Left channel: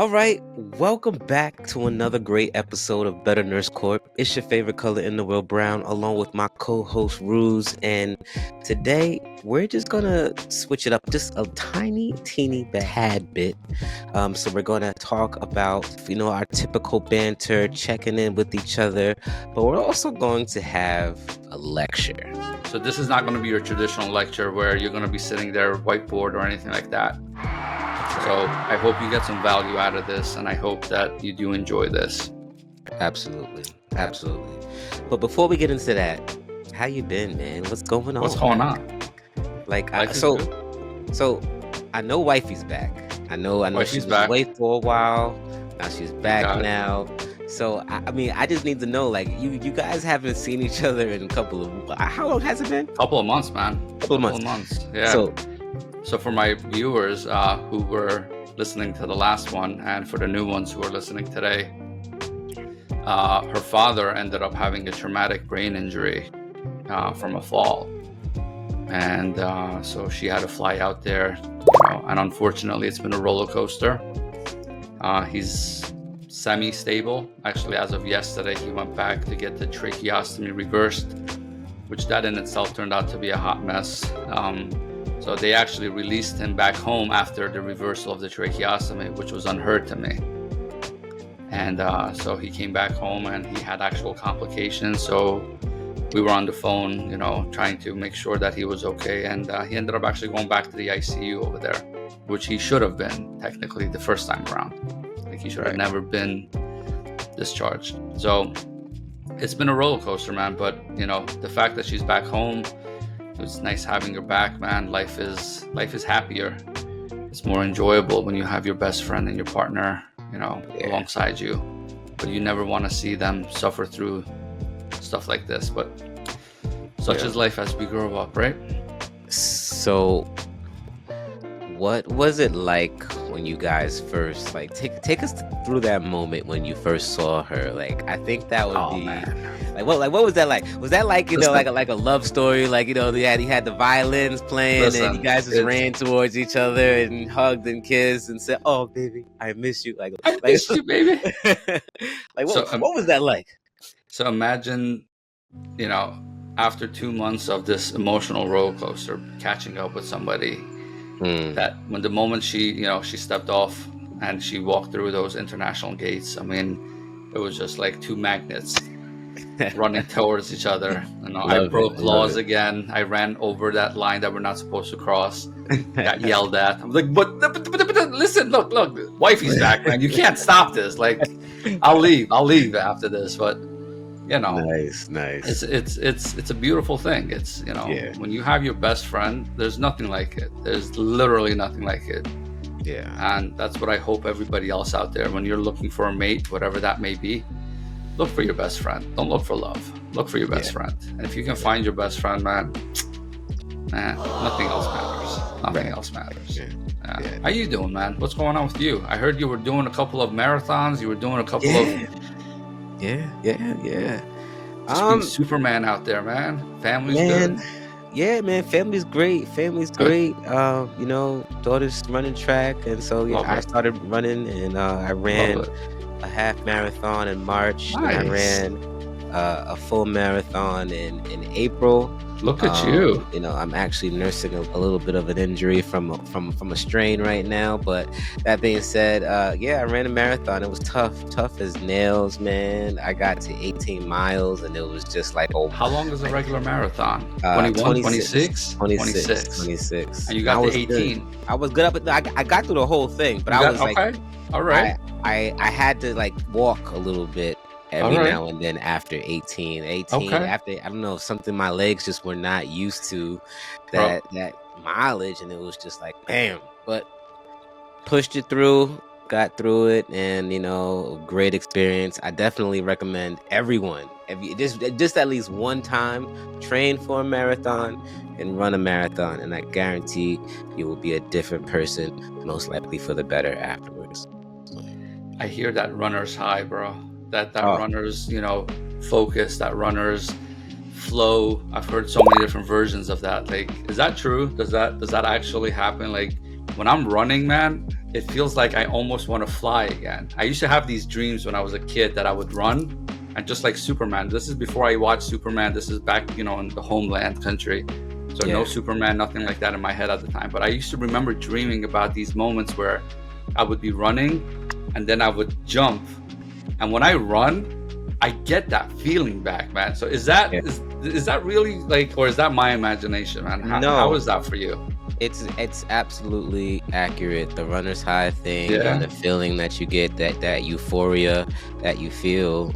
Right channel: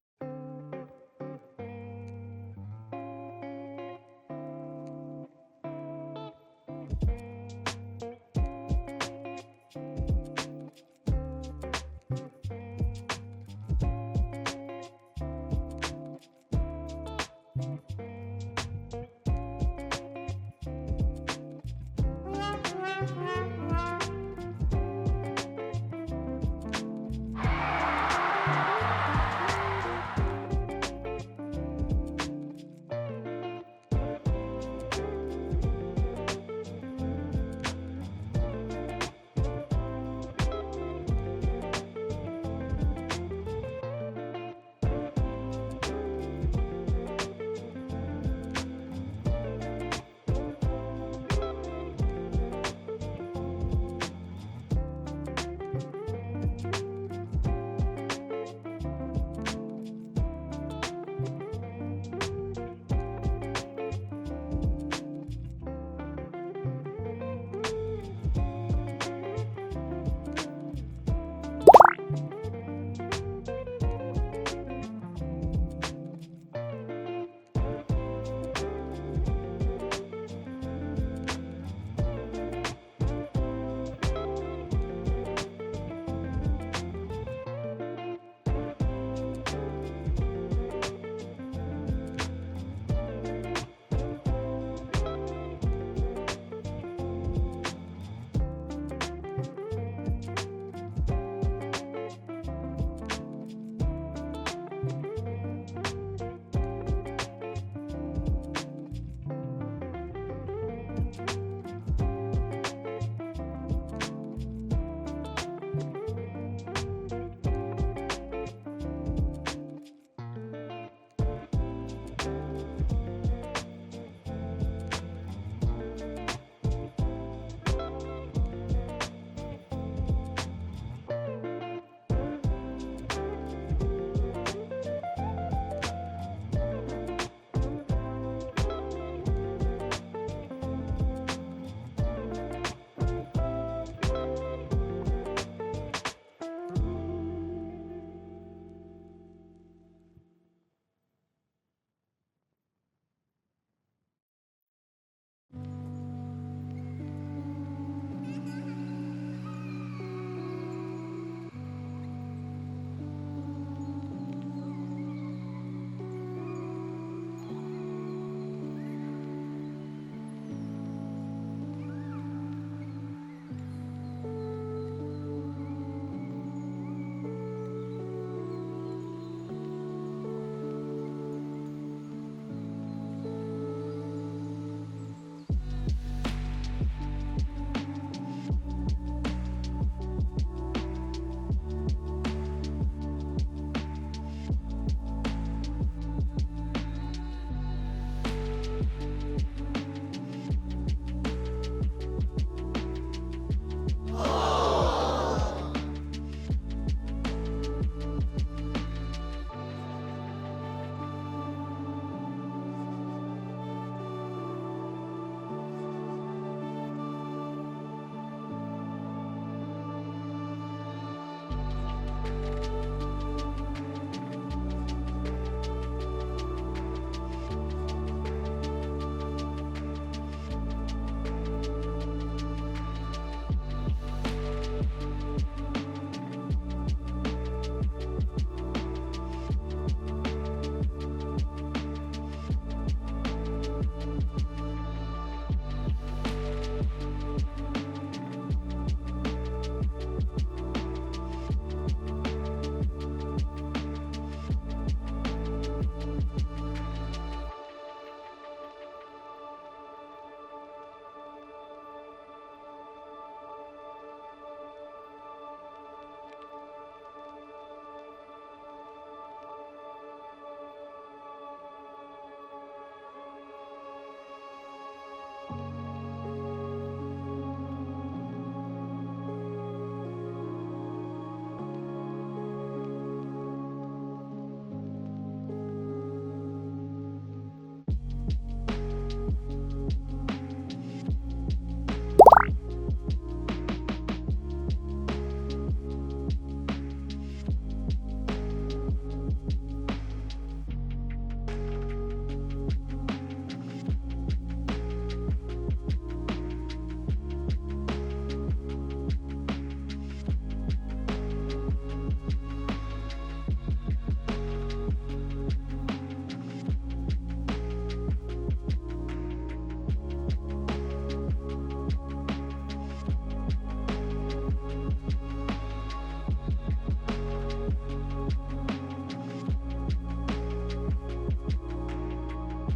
All right, welcome back to another great episode of Better Nurse Corp. It's your favorite color in the world, brown, along with my co-host Ruse. And today we're just gonna switch it up just a tiny, teeny tad bit. So we're gonna talk about, our typical banter, checking in with each other, but we're also going to have a lecture. So this is not going to be your traditional lecture where you're going to be sitting there whiteboard or anything like that. So I hope you get some value out of this, and I hope that you do enjoy this. Absolutely, absolutely. But before we get into that, how you been, man? What's going on? What's going on? So I know wifey's back. I know Wifey's she's back. away for a while. Now she's back Got it. now. So I just need to know, like, you guys haven't seen each other in a couple of, how long has it been? Couple of months, man. Couple of months. Yeah. So So for my viewers who were listening to the last one, and for the new ones who are listening today, her father ended up having a traumatic brain injury from a fall. And so she had to fly out there. And unfortunately, it's been a roller coaster. He's semi-stable. Actually, as of yesterday, he went back to get the tracheostomy reversed, which that in itself turned out to be a hot mess. So they actually released him back home after the reversal of the tracheostomy, which was unheard to me. And so he came back home and he had actual complications. So we were on the phone, trying to make sure that he was okay. And he ended up actually going back to the ICU over there, which he should have been technically the first time around. Like he should have never been discharged. So it's been a roller coaster, man. But the fact that she's back home, it's nice having her back, man. Life is happier. It's more enjoyable when you have your best friend and your partner, alongside you. But you never want to see them suffer through stuff like this. But such is life as we grow up, right? So what was it like when you guys first, like, take us through that moment when you first saw her? Like, I think that would be man. What was that like? Was that like, like a love story? Like, he had the violins playing, and you guys just ran towards each other and hugged and kissed and said, "Oh, baby, I miss you." I miss you, baby. What was that like? So imagine, after 2 months of this emotional roller coaster, catching up with somebody, that when the moment she stepped off and she walked through those international gates, I mean, it was just like two magnets running towards each other. I broke laws again. I ran over that line that we're not supposed to cross. Got yelled at. I'm like, but listen, look, wifey's back, man. You can't stop this. Like, I'll leave after this. But nice. It's a beautiful thing. It's when you have your best friend, there's nothing like it. There's literally nothing like it. Yeah. And that's what I hope everybody else out there, when you're looking for a mate, whatever that may be, look for your best friend. Don't look for love. Look for your best friend. And if you can find your best friend, man, nothing else matters. Yeah. How you doing, man? What's going on with you? I heard you were doing a couple of marathons. You were doing a couple of Just being Superman out there, man. Family's good. Yeah, man. Family's great. Daughter's running track, and so I started running, and I ran a half marathon in March. Nice. And I ran a full marathon in April. Look at you. I'm actually nursing a little bit of an injury from a strain right now. But that being said, I ran a marathon. It was tough as nails, man. I got to 18 miles, and it was just like, oh. How long is a regular marathon? 21, 26? 26. And you got to 18. Good. I was good up at I got through the whole thing, but okay. All right. I had to like walk a little bit every now and then after 18 Okay. after, I don't know, something, my legs just were not used to that mileage, and it was just like, bam. But pushed it through, got through it, and great experience. I definitely recommend everyone, just at least one time, train for a marathon and run a marathon, and I guarantee you will be a different person, most likely for the better afterwards. I hear that runner's high, bro. That runner's, focus, that runner's flow. I've heard so many different versions of that. Like, is that true? Does that actually happen? Like, when I'm running, man, it feels like I almost want to fly again. I used to have these dreams when I was a kid that I would run, and just like Superman. This is before I watched Superman. This is back, in the homeland country. So no Superman, nothing like that in my head at the time. But I used to remember dreaming about these moments where I would be running, and then I would jump. And when I run, I get that feeling back, man. So is that really like, or is that my imagination, man? How is that for you? It's absolutely accurate. The runner's high thing and the feeling that you get, that euphoria that you feel,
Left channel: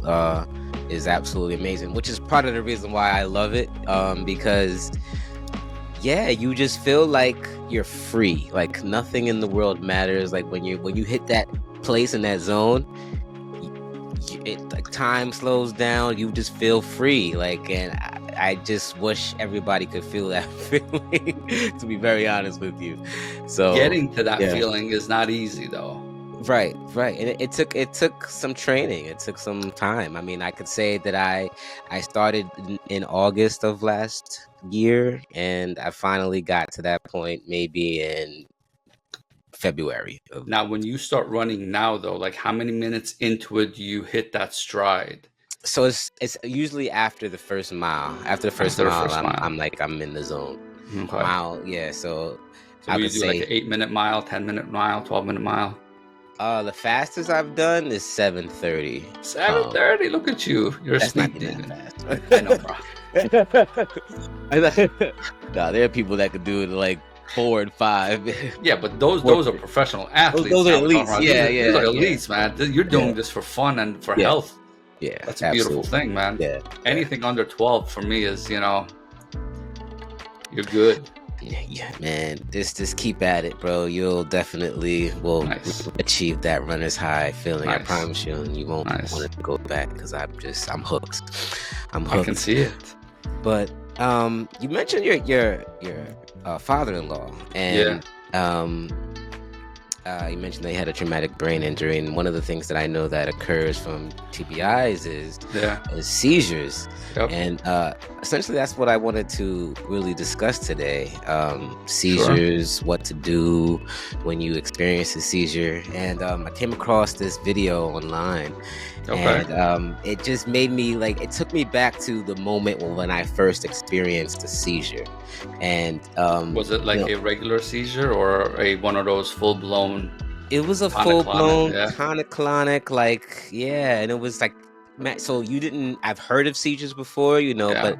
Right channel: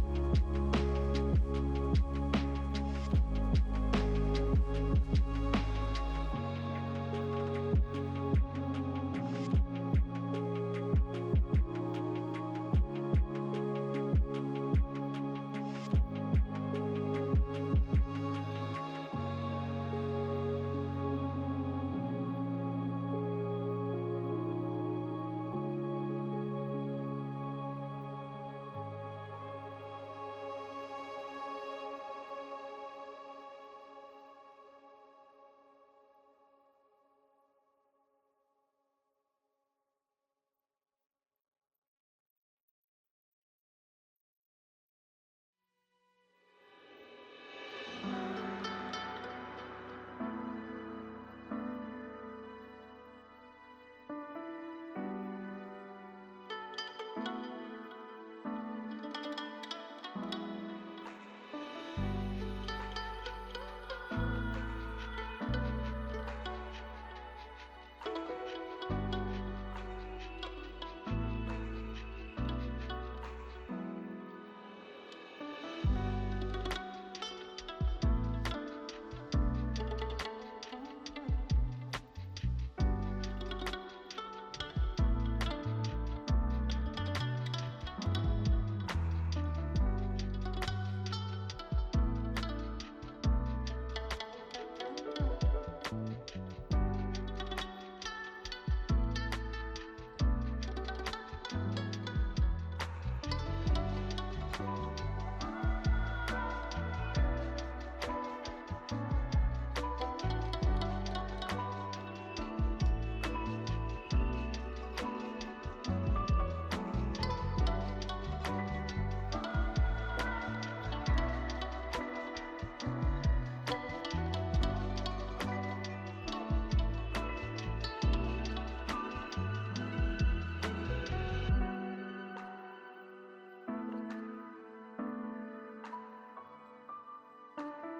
is absolutely amazing. Which is part of the reason why I love it, because you just feel like you're free. Like nothing in the world matters. Like when you hit that place in that zone, like time slows down. You just feel free. Like, and I just wish everybody could feel that feeling, to be very honest with you. So getting to that feeling is not easy, though. Right. And it took some training. It took some time. I mean, I could say that I started in August of last year, and I finally got to that point maybe in February. Now, when you start running now, though, like how many minutes into it do you hit that stride? So it's usually after the first mile. After the first mile, I'm in the zone. Okay. Mile, So I would say like an 8-minute mile, 10-minute mile, 12-minute mile. The fastest I've done is 7:30. 7:30. Look at you. You're that's sleeping. Not that fast. I know, bro. No, there are people that could do it like 4 and 5. Yeah, but those are professional athletes. Those are elites. These are elites, man. You're doing this for fun and for health. Yeah, that's a beautiful thing, man. Yeah. Anything under 12 for me is, you're good. Yeah, man. Just keep at it, bro. You'll definitely achieve that runner's high feeling. Nice. I promise you, and you won't want to go back because I'm hooked. I'm hooked. I can see it. But you mentioned your father-in-law, and you mentioned that he had a traumatic brain injury, and one of the things that I know that occurs from TBIs is seizures. Yep. And essentially that's what I wanted to really discuss today. Seizures, what to do when you experience a seizure. And I came across this video online. Okay. And it just made me it took me back to the moment when I first experienced a seizure. And was it like a regular seizure or one of those full-blown? It was a full-blown tonic-clonic, and it was like, so you didn't. I've heard of seizures before, but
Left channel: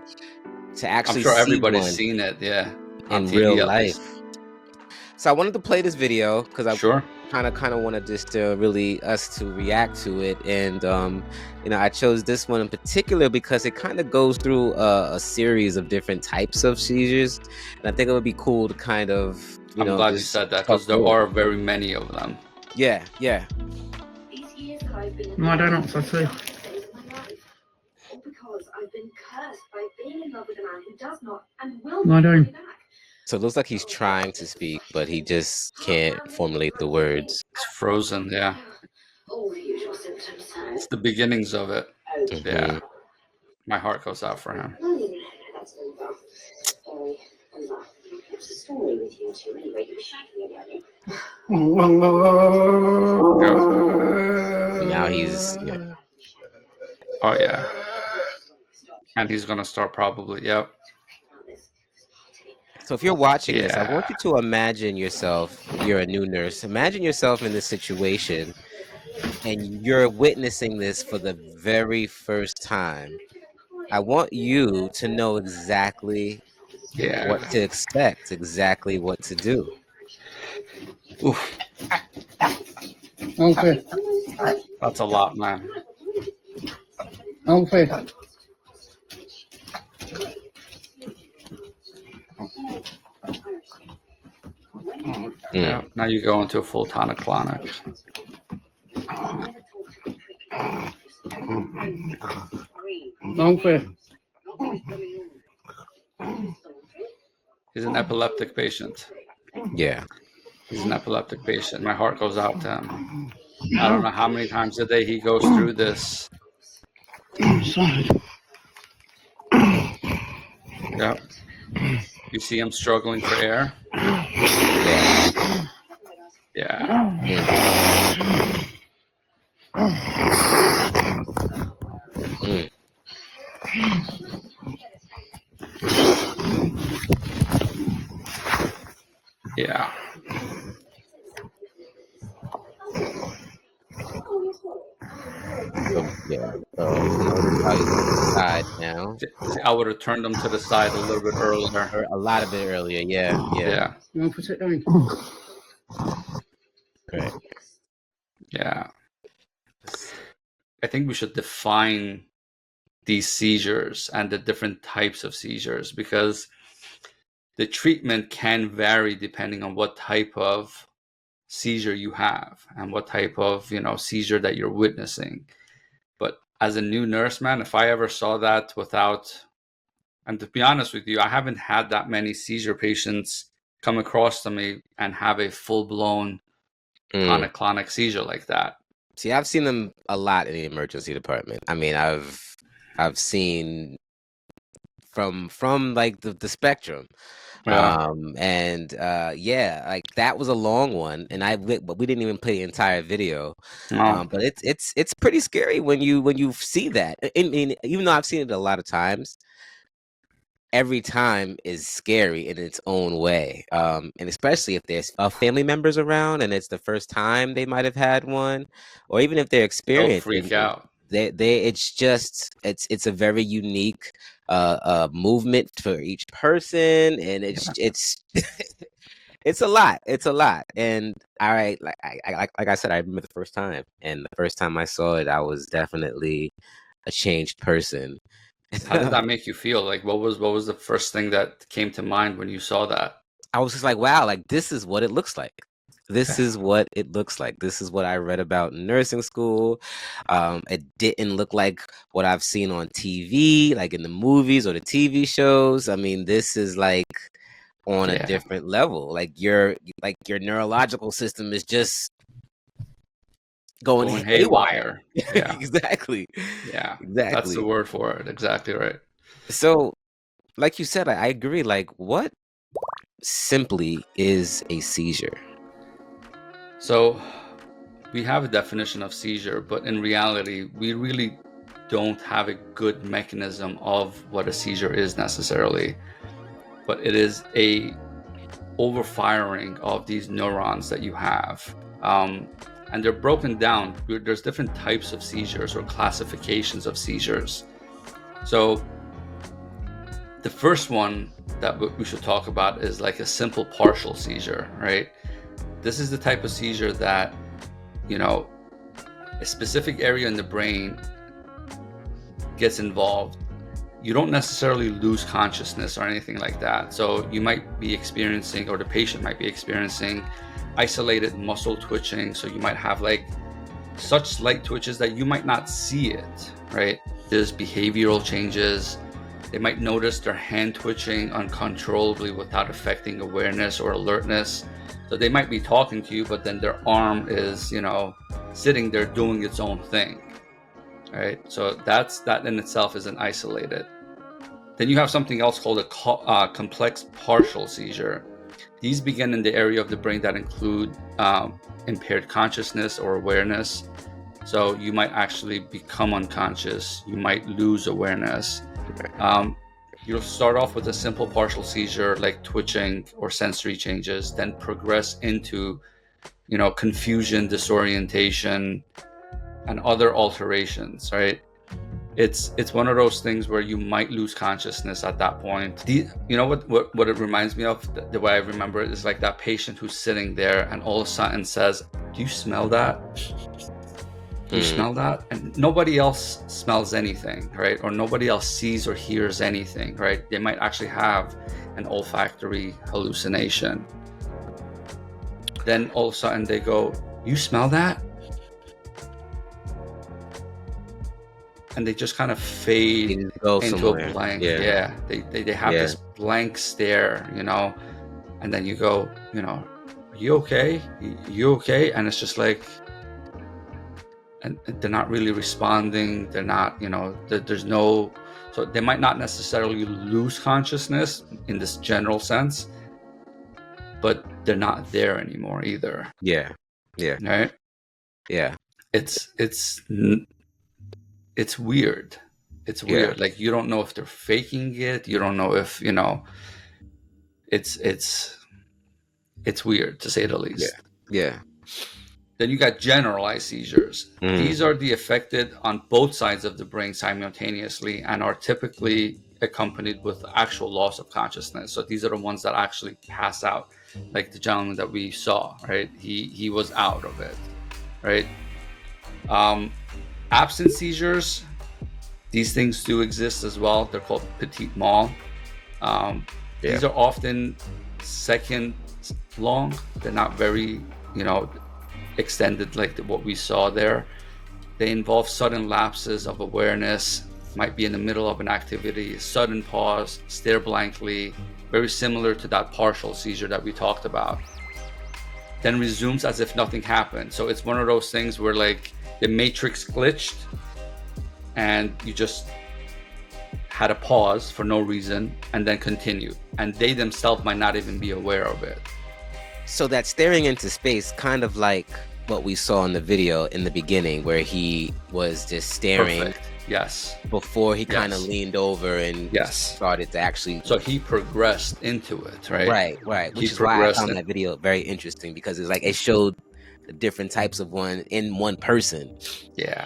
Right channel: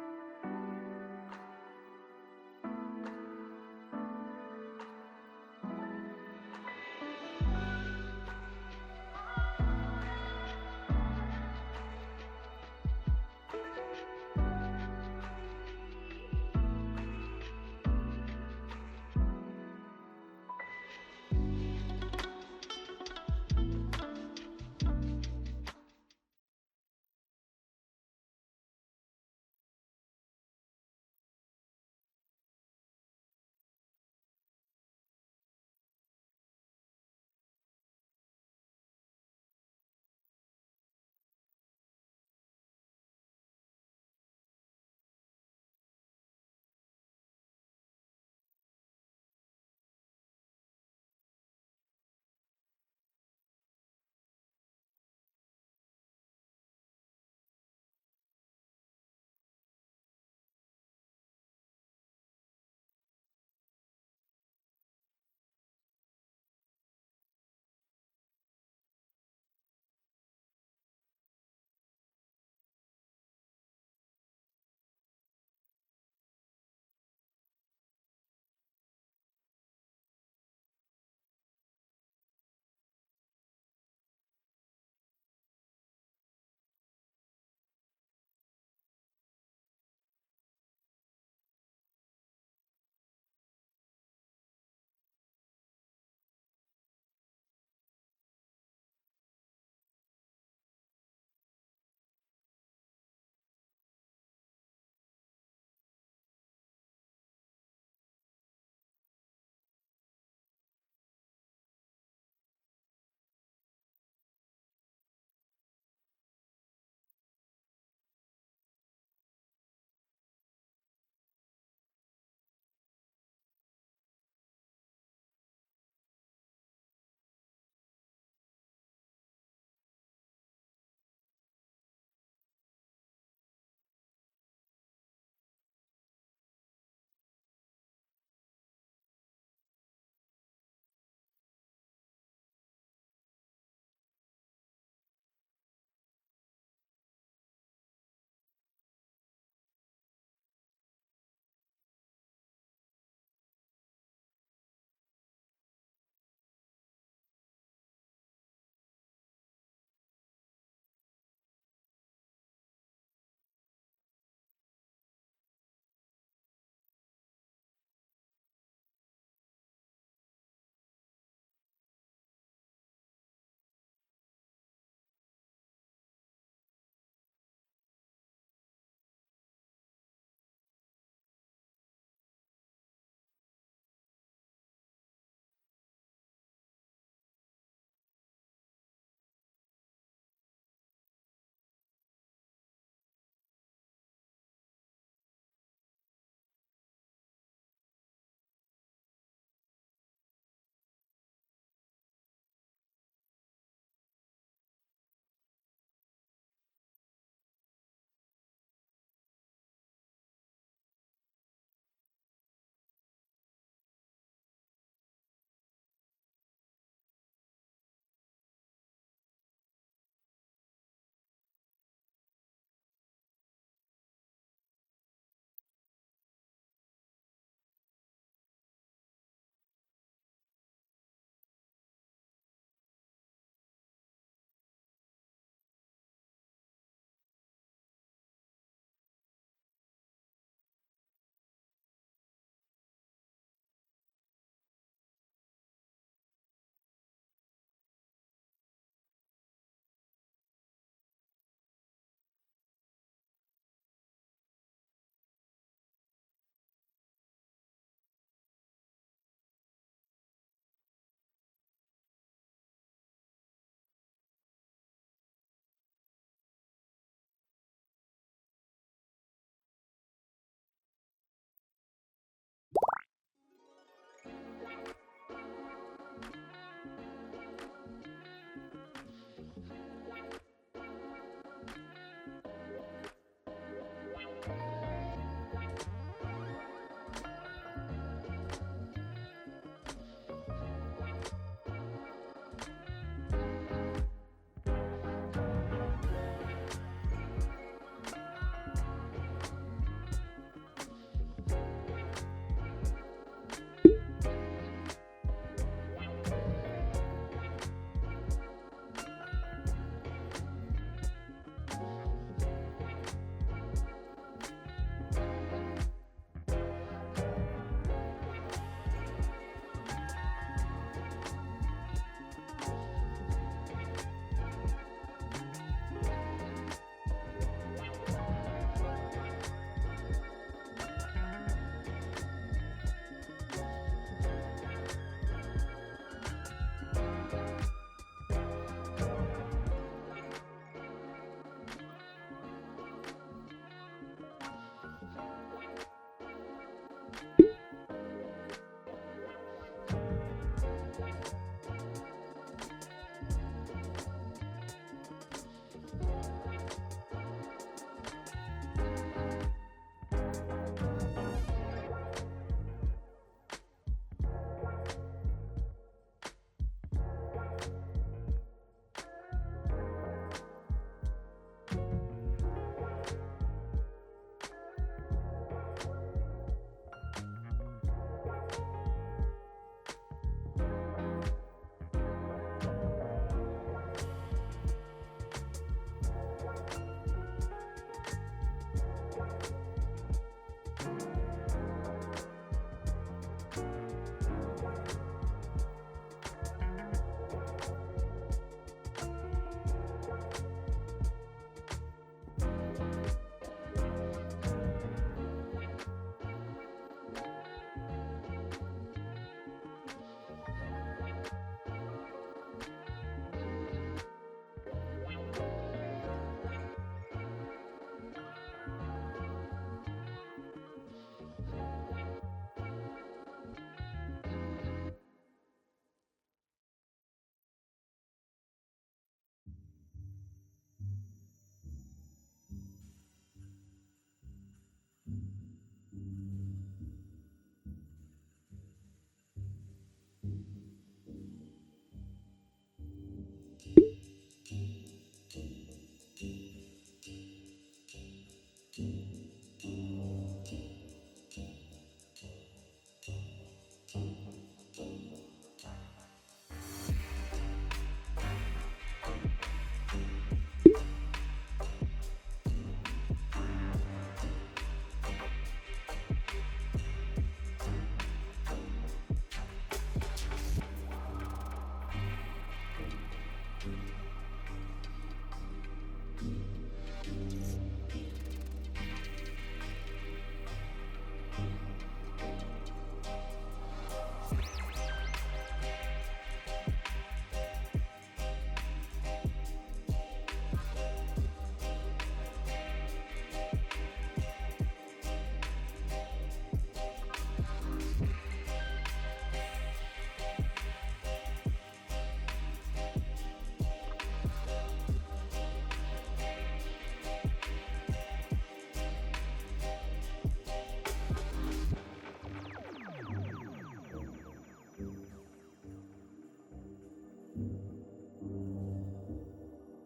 to actually, I'm sure see everybody's one seen it, in real life. So I wanted to play this video because I kind of wanted just to really us to react to it, and I chose this one in particular because it kind of goes through a series of different types of seizures, and I think it would be cool to kind of. I'm glad you said that because there are very many of them. Yeah. No, I don't know what to say. No, I don't. So it looks like he's trying to speak, but he just can't formulate the words. It's frozen, It's the beginnings of it. Mm-hmm. Yeah. My heart goes out for him. Now he's. Oh, yeah. And he's going to start probably, So if you're watching this, I want you to imagine yourself, you're a new nurse. Imagine yourself in this situation and you're witnessing this for the very first time. I want you to know exactly what to expect, exactly what to do. Oof. Okay. That's a lot, man. Okay. Yeah. Now you go into a full tonic-clonic. Okay. He's an epileptic patient. Yeah. He's an epileptic patient. My heart goes out to him. I don't know how many times a day he goes through this. Yeah. You see him struggling for air? Yeah. Yeah. Mm. Yeah. So yeah. So notice how he's on the side now. See, I would have turned them to the side a little bit earlier. Or a lot of it earlier. Yeah. Yeah. Yeah. You want to put it down? Correct. Yeah. I think we should define these seizures and the different types of seizures, because the treatment can vary depending on what type of seizure you have and what type of seizure that you're witnessing. But as a new nurse, man, if I ever saw that without, and to be honest with you, I haven't had that many seizure patients come across to me and have a full-blown tonic-clonic seizure like that. See, I've seen them a lot in the emergency department. I mean, I've seen from like the spectrum. Yeah. Yeah, like that was a long one, and but we didn't even play the entire video. No. But it's pretty scary when you see that. I mean, even though I've seen it a lot of times, every time is scary in its own way. And especially if there's family members around and it's the first time they might have had one, or even if they're They'll experiencing freak out. it's a very unique movement for each person, and it's it's a lot. It's a lot. And all right, like I said, I remember the first time, and the first time I saw it, I was definitely a changed person. How did that make you feel? Like, what was the first thing that came to mind when you saw that? I was just like, wow, like this is what it looks like. This is what it looks like. This is what I read about in nursing school. It didn't look like what I've seen on TV, like in the movies or the TV shows. I mean, this is like on a different level. Like your neurological system is just going haywire. Yeah. Exactly. Yeah. Exactly. That's the word for it. Exactly right. So, like you said, I agree. Like, what simply is a seizure? So we have a definition of seizure, but in reality, we really don't have a good mechanism of what a seizure is necessarily. But it is a overfiring of these neurons that you have. And they're broken down. There's different types of seizures or classifications of seizures. So the first one that we should talk about is like a simple partial seizure, right? This is the type of seizure that, a specific area in the brain gets involved. You don't necessarily lose consciousness or anything like that. So you might be experiencing, or the patient might be experiencing, isolated muscle twitching. So you might have like such slight twitches that you might not see it, right? There's behavioral changes. They might notice their hand twitching uncontrollably without affecting awareness or alertness. So they might be talking to you, but then their arm is, sitting there doing its own thing, right? So that in itself is an isolated. Then you have something else called a complex partial seizure. These begin in the area of the brain that include impaired consciousness or awareness. So you might actually become unconscious. You might lose awareness. You'll start off with a simple partial seizure like twitching or sensory changes, then progress into, confusion, disorientation, and other alterations, right? It's one of those things where you might lose consciousness at that point. What it reminds me of, the way I remember it, is like that patient who's sitting there and all of a sudden says, "Do you smell that? Do you smell that?" And nobody else smells anything, right? Or nobody else sees or hears anything, right? They might actually have an olfactory hallucination. Then all of a sudden they go, "You smell that?" And they just kind of fade into a blank. Yeah. They have this blank stare, and then you go, "Are you okay? You okay?" And it's just like, and they're not really responding. They're not, there's no, so they might not necessarily lose consciousness in this general sense, but they're not there anymore either. Yeah. Yeah. Right? Yeah. It's weird. It's Yeah. weird. Like, you don't know if they're faking it. You don't know if, it's weird, to say the least. Yeah. Then you got generalized seizures. Mm. These are the affected on both sides of the brain simultaneously and are typically accompanied with actual loss of consciousness. So these are the ones that actually pass out, like the gentleman that we saw, right? He was out of it, right? Absent seizures, these things do exist as well. They're called petit mal. These are often seconds long. They're not very, extended like what we saw there. They involve sudden lapses of awareness, might be in the middle of an activity, sudden pause, stare blankly, very similar to that partial seizure that we talked about. Then resumes as if nothing happened. So it's one of those things where like the matrix glitched and you just had a pause for no reason and then continue. And they themselves might not even be aware of it. So that staring into space, kind of like what we saw in the video in the beginning, where he was just staring. Perfect. Yes. Before he kind of leaned over and started to actually. So he progressed into it, right? Right. Which is why I found that video very interesting, because it's like it showed the different types of one in one person. Yeah.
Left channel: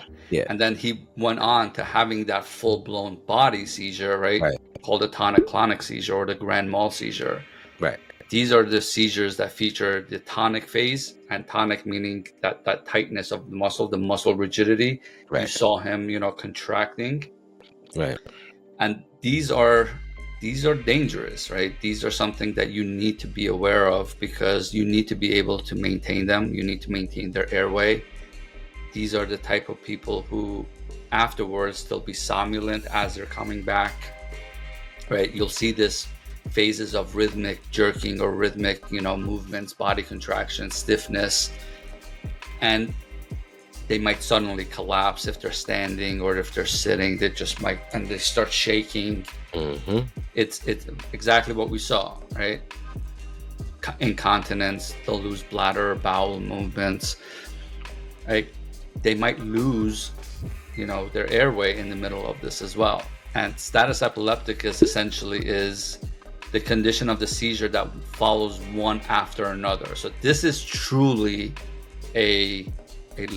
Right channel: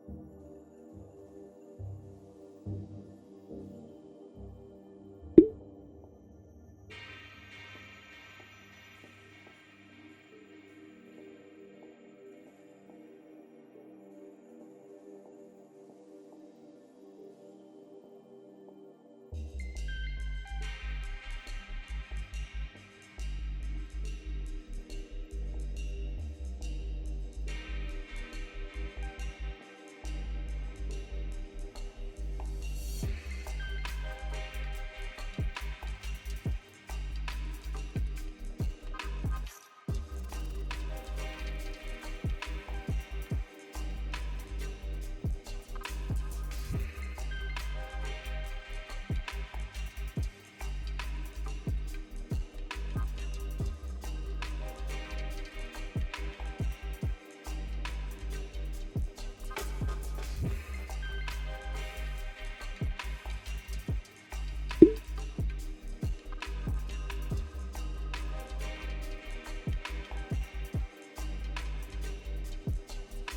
And then he went on to having that full-blown body seizure, right? Called the tonic-clonic seizure or the grand mal seizure. Right. These are the seizures that feature the tonic phase, and tonic meaning that tightness of the muscle rigidity. Right. You saw him, contracting. Right. And these are dangerous, right? These are something that you need to be aware of, because you need to be able to maintain them. You need to maintain their airway. These are the type of people who afterwards they'll be somnolent as they're coming back, right? You'll see this phases of rhythmic jerking or rhythmic, movements, body contraction, stiffness, and they might suddenly collapse if they're standing, or if they're sitting, they just might, and they start shaking. Mm-hmm. It's exactly what we saw, right? Incontinence, they'll lose bladder or bowel movements, right? They might lose, their airway in the middle of this as well. And status epilepticus essentially is the condition of the seizure that follows one after another. So this is truly a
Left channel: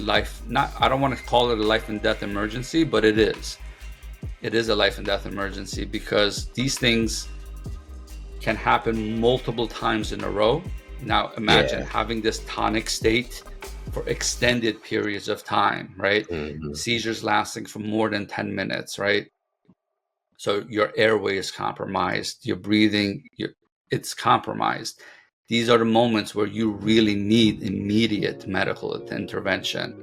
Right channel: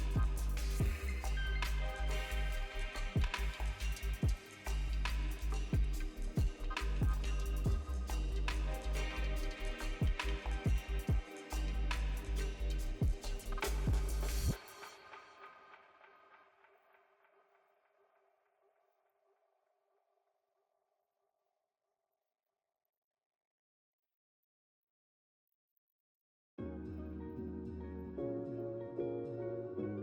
life, I don't want to call it a life and death emergency, but it is a life and death emergency, because these things can happen multiple times in a row. Now imagine having this tonic state for extended periods of time, right? Mm-hmm. Seizures lasting for more than 10 minutes, right? So your airway is compromised, your breathing, it's compromised. These are the moments where you really need immediate medical intervention.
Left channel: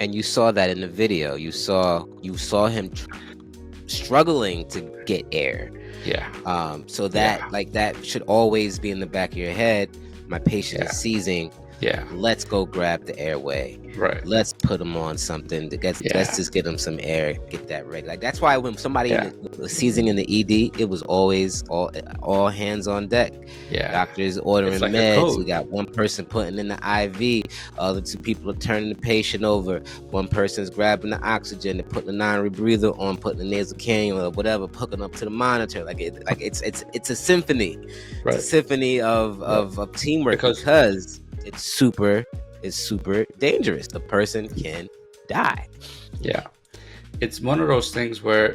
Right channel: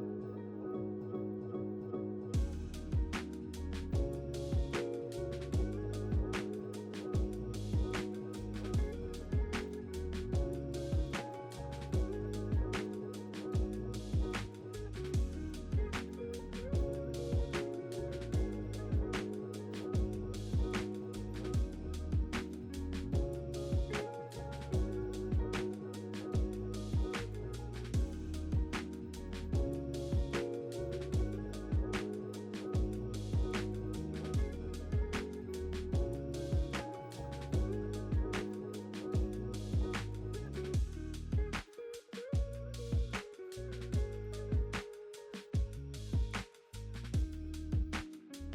And you saw that in the video. You saw him struggling to get air. So that that should always be in the back of your head. My patient is seizing. Let's go grab the airway. Right. Let's put him on something. Let's just get him some air. Get that ready. Like that's why when somebody was seizing in the ED, it was always all hands on deck. Doctors ordering like meds. We got one person putting in the IV. Other two people are turning the patient over. One person's grabbing the oxygen. They're putting the non-rebreather on, putting the nasal cannula or whatever, hooking up to the monitor. It's a symphony. Right. It's a symphony of teamwork, because it's super dangerous. The person can die. It's one of those things where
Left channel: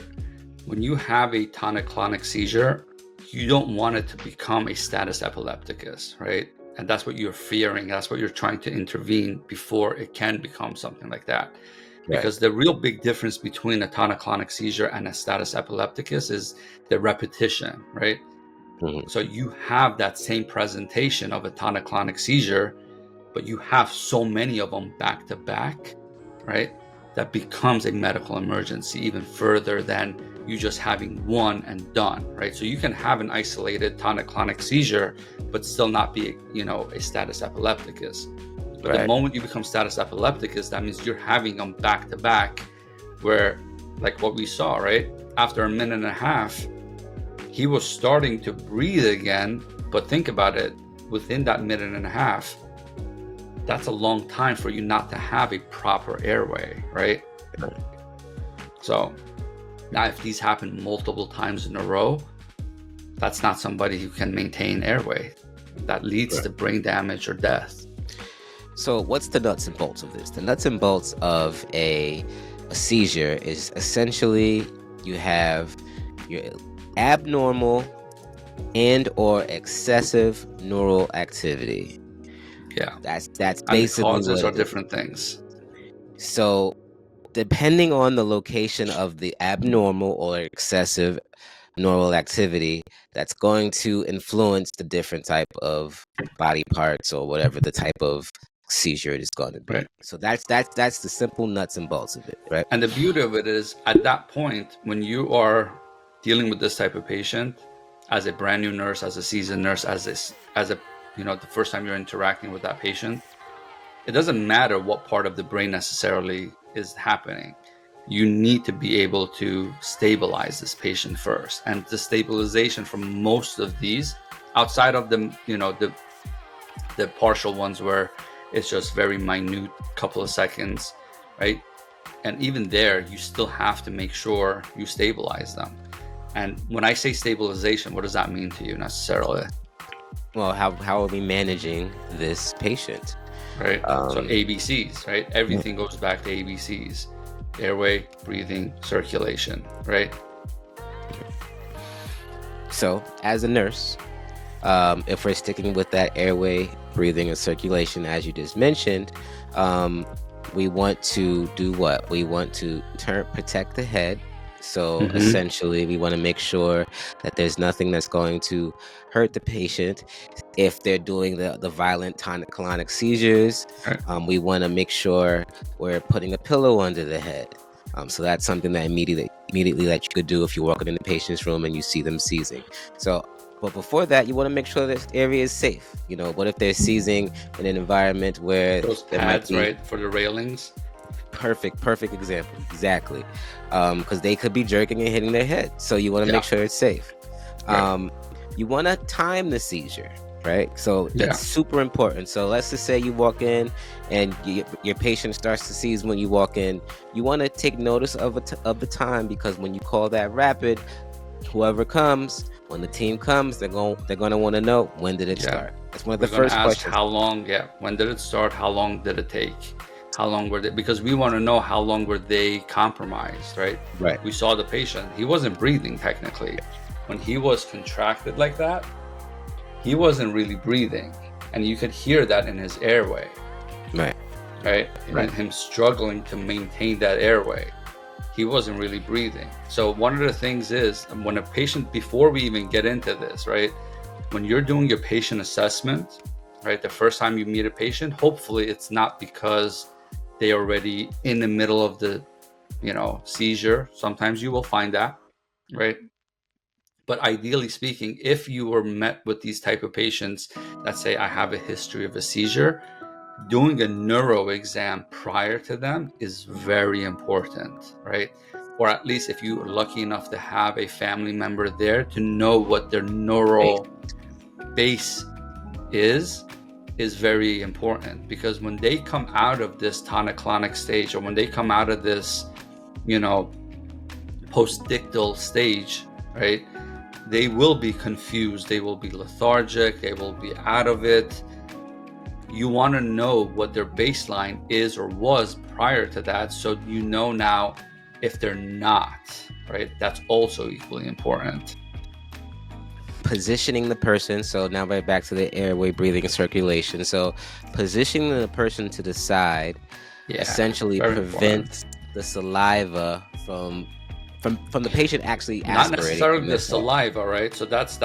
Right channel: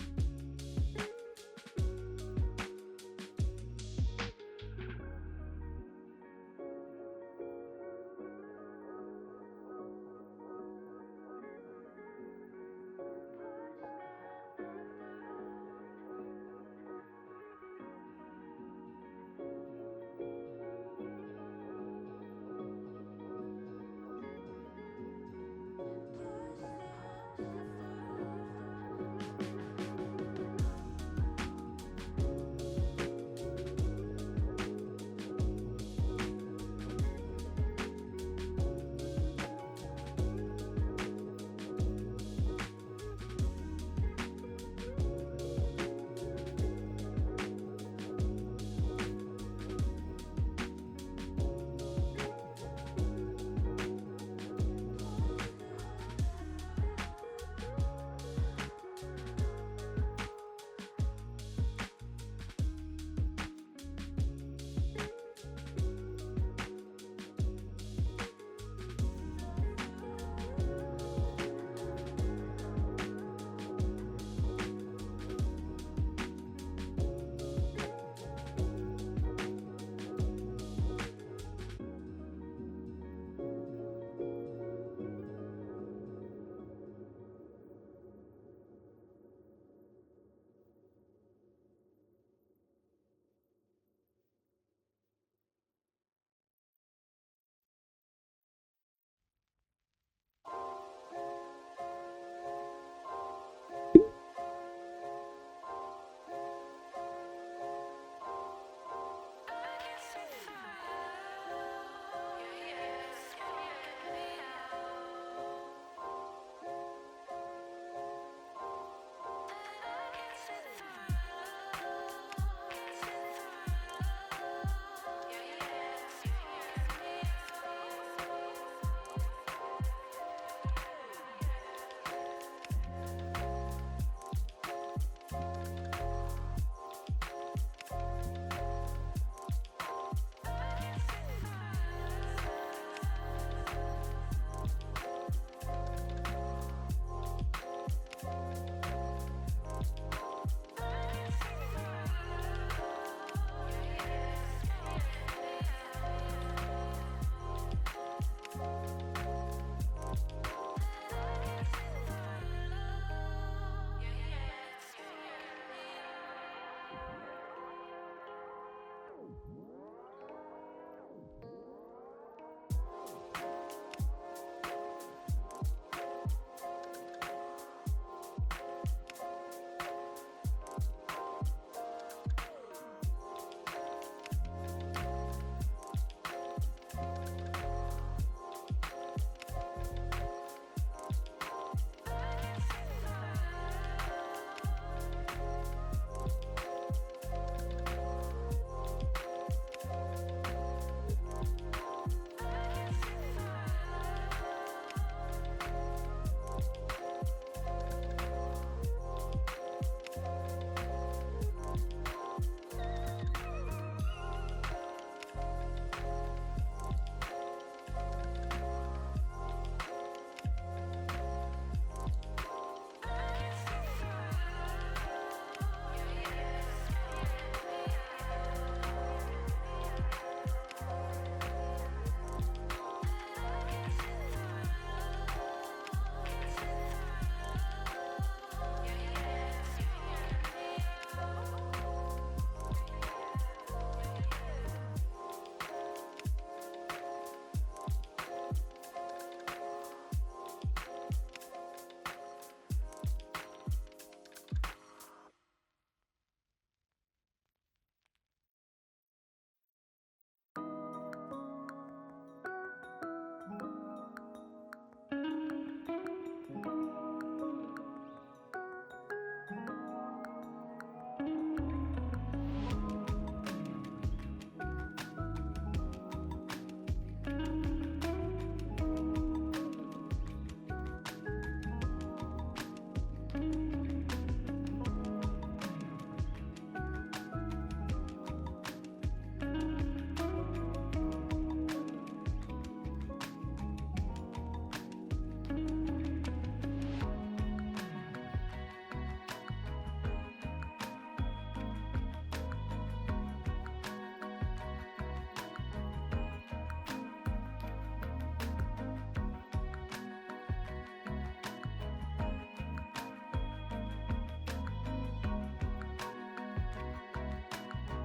when you have a tonic-clonic seizure, you don't want it to become a status epilepticus, right? And that's what you're fearing. That's what you're trying to intervene before it can become something like that. Because the real big difference between a tonic-clonic seizure and a status epilepticus is the repetition, right? Mm-hmm. So you have that same presentation of a tonic-clonic seizure, but you have so many of them back to back, right? That becomes a medical emergency even further than you just having one and done, right? So you can have an isolated tonic-clonic seizure, but still not be, a status epilepticus. But the moment you become status epilepticus, that means you're having them back to back, where, like what we saw, right? After a minute and a half, he was starting to breathe again, but think about it. within that minute and a half, that's a long time for you not to have a proper airway, right? So now if these happen multiple times in a row, that's not somebody who can maintain airway. That leads to brain damage or death. So what's the nuts and bolts of this? The nuts and bolts of a seizure is essentially you have your abnormal and or excessive neural activity. Yeah. That's And the basically causes what are it is. different things. So depending on the location of the abnormal or excessive neural activity, that's going to influence the different type of body parts or whatever the type of seizure it is going to be. Right. So that's the simple nuts and bolts of it, right? And the beauty of it is, at that point, when you are dealing with this type of patient, as a brand new nurse, as a seasoned nurse, as a the first time you're interacting with that patient, it doesn't matter what part of the brain necessarily is happening. You need to be able to stabilize this patient first. And the stabilization from most of these, outside of the partial ones where it's just very minute, couple of seconds, right? And even there, you still have to make sure you stabilize them. And when I say stabilization, what does that mean to you necessarily? Well, how are we managing this patient? Right. So ABCs, right? Everything goes back to ABCs: airway, breathing, circulation, right? So as a nurse, if we're sticking with that airway, breathing, and circulation, as you just mentioned, we want to do what? We want to protect the head. So essentially, we want to make sure that there's nothing that's going to hurt the patient. If they're doing the violent tonic-clonic seizures, we want to make sure we're putting a pillow under the head. So that's something that immediately that you could do if you're walking in the patient's room and you see them seizing. So, but before that, you want to make sure this area is safe. What if they're seizing in an environment where those there pads, might be, right, for the railings? Perfect example. Exactly. Because they could be jerking and hitting their head. So you want to make sure it's safe. You want to time the seizure, right? So that's super important. So let's just say you walk in and your patient starts to seize when you walk in. You want to take notice of the time, because when you call that rapid, whoever comes, when the team comes, they're going to want to know, when did it start? That's one of the first questions. How long? When did it start? How long did it take? How long were they? Because we want to know how long were they compromised, right? Right. We saw the patient. He wasn't breathing technically. When he was contracted like that, he wasn't really breathing, and you could hear that in his airway. Right. And him struggling to maintain that airway. He wasn't really breathing. So one of the things is, when a patient, before we even get into this, right, when you're doing your patient assessment, right, the first time you meet a patient, hopefully it's not because they're already in the middle of the seizure. Sometimes you will find that, right? But ideally speaking, if you were met with these type of patients that say, I have a history of a seizure, doing a neuro exam prior to them is very important, right? Or at least if you are lucky enough to have a family member there to know what their neural base is very important. Because when they come out of this tonic-clonic stage, or when they come out of this postdictal stage, right, they will be confused, they will be lethargic, they will be out of it. You want to know what their baseline is or was prior to that, so you know now if they're not, right? That's also equally important. Positioning the person. So now we're back to the airway, breathing, and circulation. So positioning the person to the side essentially prevents the saliva from the patient actually aspirating. Not necessarily the saliva, right? So that's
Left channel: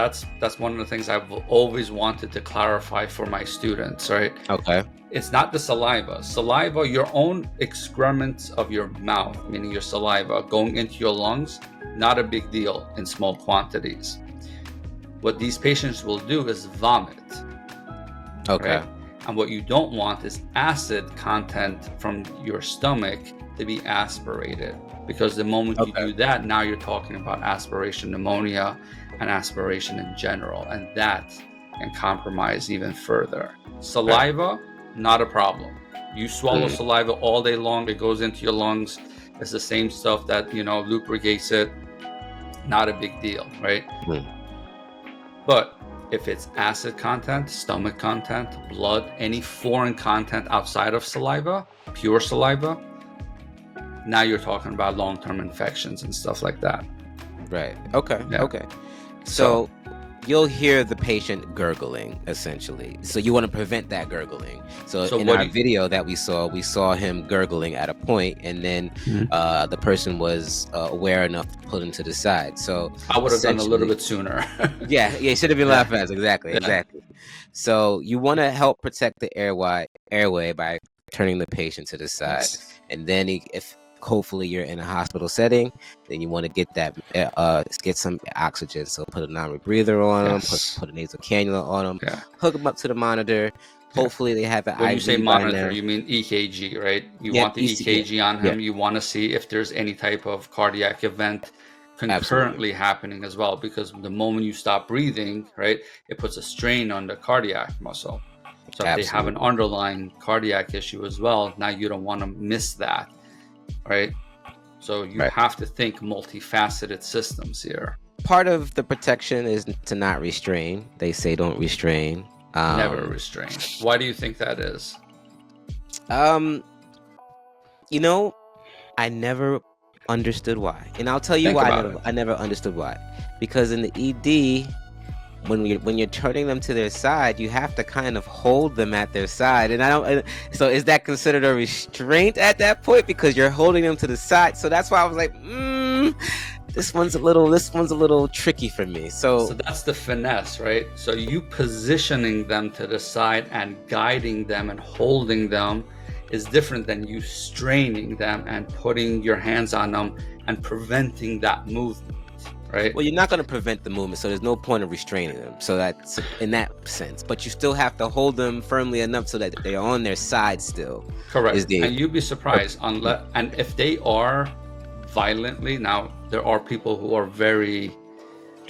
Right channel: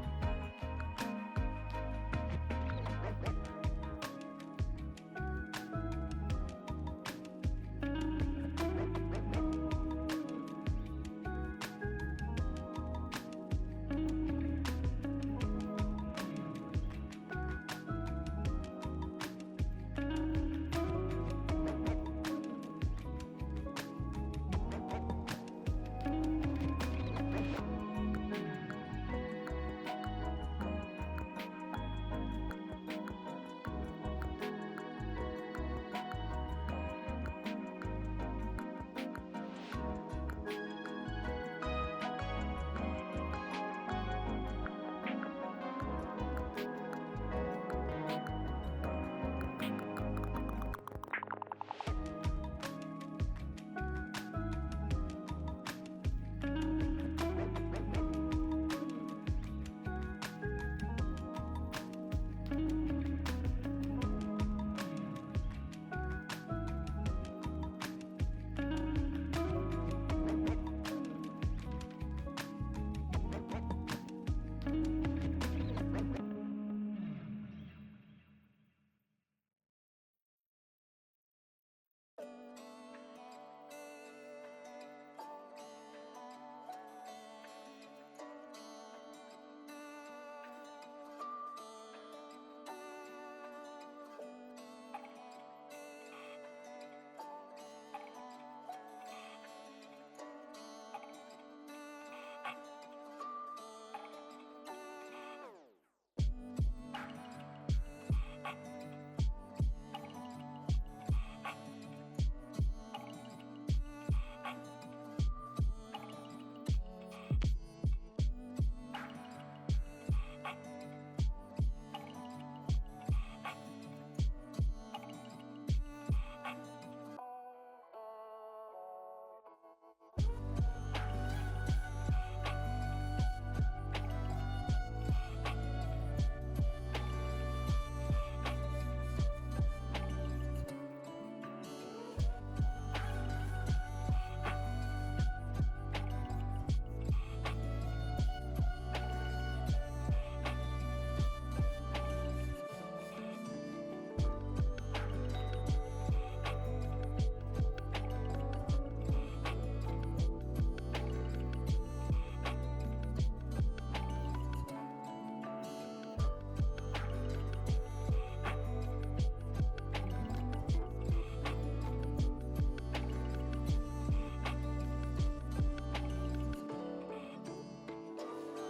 one of the things I've always wanted to clarify for my students, right? Okay. It's not the saliva. Saliva, your own excrements of your mouth, meaning your saliva going into your lungs, not a big deal in small quantities. What these patients will do is vomit. Okay. Right? And what you don't want is acid content from your stomach to be aspirated, because the moment you do that, now you're talking about aspiration pneumonia and aspiration in general, and that and compromise even further. Saliva, not a problem. You swallow saliva all day long, it goes into your lungs. It's the same stuff that, you know, lubricates it. Not a big deal, right? But if it's acid content, stomach content, blood, any foreign content outside of saliva, pure saliva, now you're talking about long-term infections and stuff like that. Right. Okay. Yeah. Okay. So you'll hear the patient gurgling, essentially. So you want to prevent that gurgling. So in our video that we saw him gurgling at a point, and then the person was aware enough to pull him to the side. So I would have done a little bit sooner. yeah, it should have been a lot faster. Exactly. So you want to help protect the airway by turning the patient to the side, and then if hopefully you're in a hospital setting, then you want to get that get some oxygen. So put a non-rebreather on them, put a nasal cannula on them, hook them up to the monitor. Hopefully they have an IV. When you say monitor, you mean EKG, right? You want the EKG on him. You want to see if there's any type of cardiac event concurrently happening as well, because the moment you stop breathing, right, it puts a strain on the cardiac muscle. So if they have an underlying cardiac issue as well, now you don't want to miss that, right? So you have to think multifaceted systems here. Part of the protection is to not restrain. They say don't restrain. Never restrain. Why do you think that is? You know, I never understood why, and I'll tell you why. I never understood why. Because in the ED, when you're turning them to their side, you have to kind of hold them at their side, and I don't. So is that considered a restraint at that point because you're holding them to the side? So that's why I was like, this one's a little tricky for me. So that's the finesse, right? So you positioning them to the side and guiding them and holding them is different than you straining them and putting your hands on them and preventing that movement, right? Well, you're not going to prevent the movement, so there's no point of restraining them. So that's in that sense. But you still have to hold them firmly enough so that they're on their side still. Correct. And you'd be surprised and if they are violently, now there are people who are very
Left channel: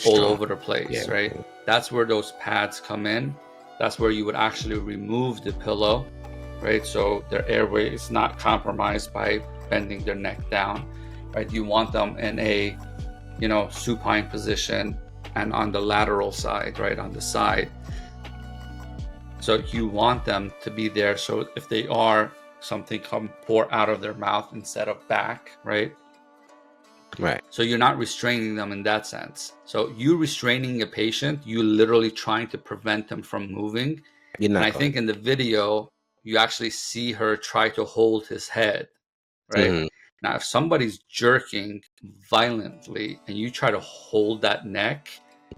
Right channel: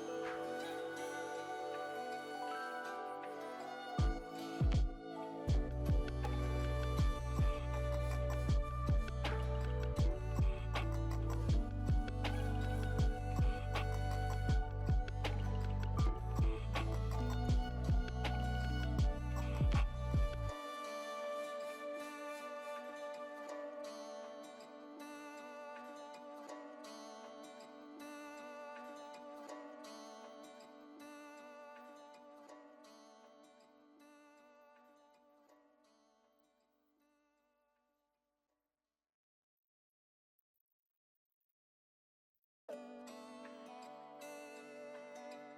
all over the place, right? That's where those pads come in. That's where you would actually remove the pillow, right? So their airway is not compromised by bending their neck down, right? You want them in a, supine position and on the lateral side, right? On the side. So you want them to be there. So if they are, something pour out of their mouth instead of back, right? Right. So you're not restraining them in that sense. So you restraining a patient, you literally trying to prevent them from moving. And I think in the video, you actually see her try to hold his head, right? Now, if somebody's jerking violently and you try to hold that neck,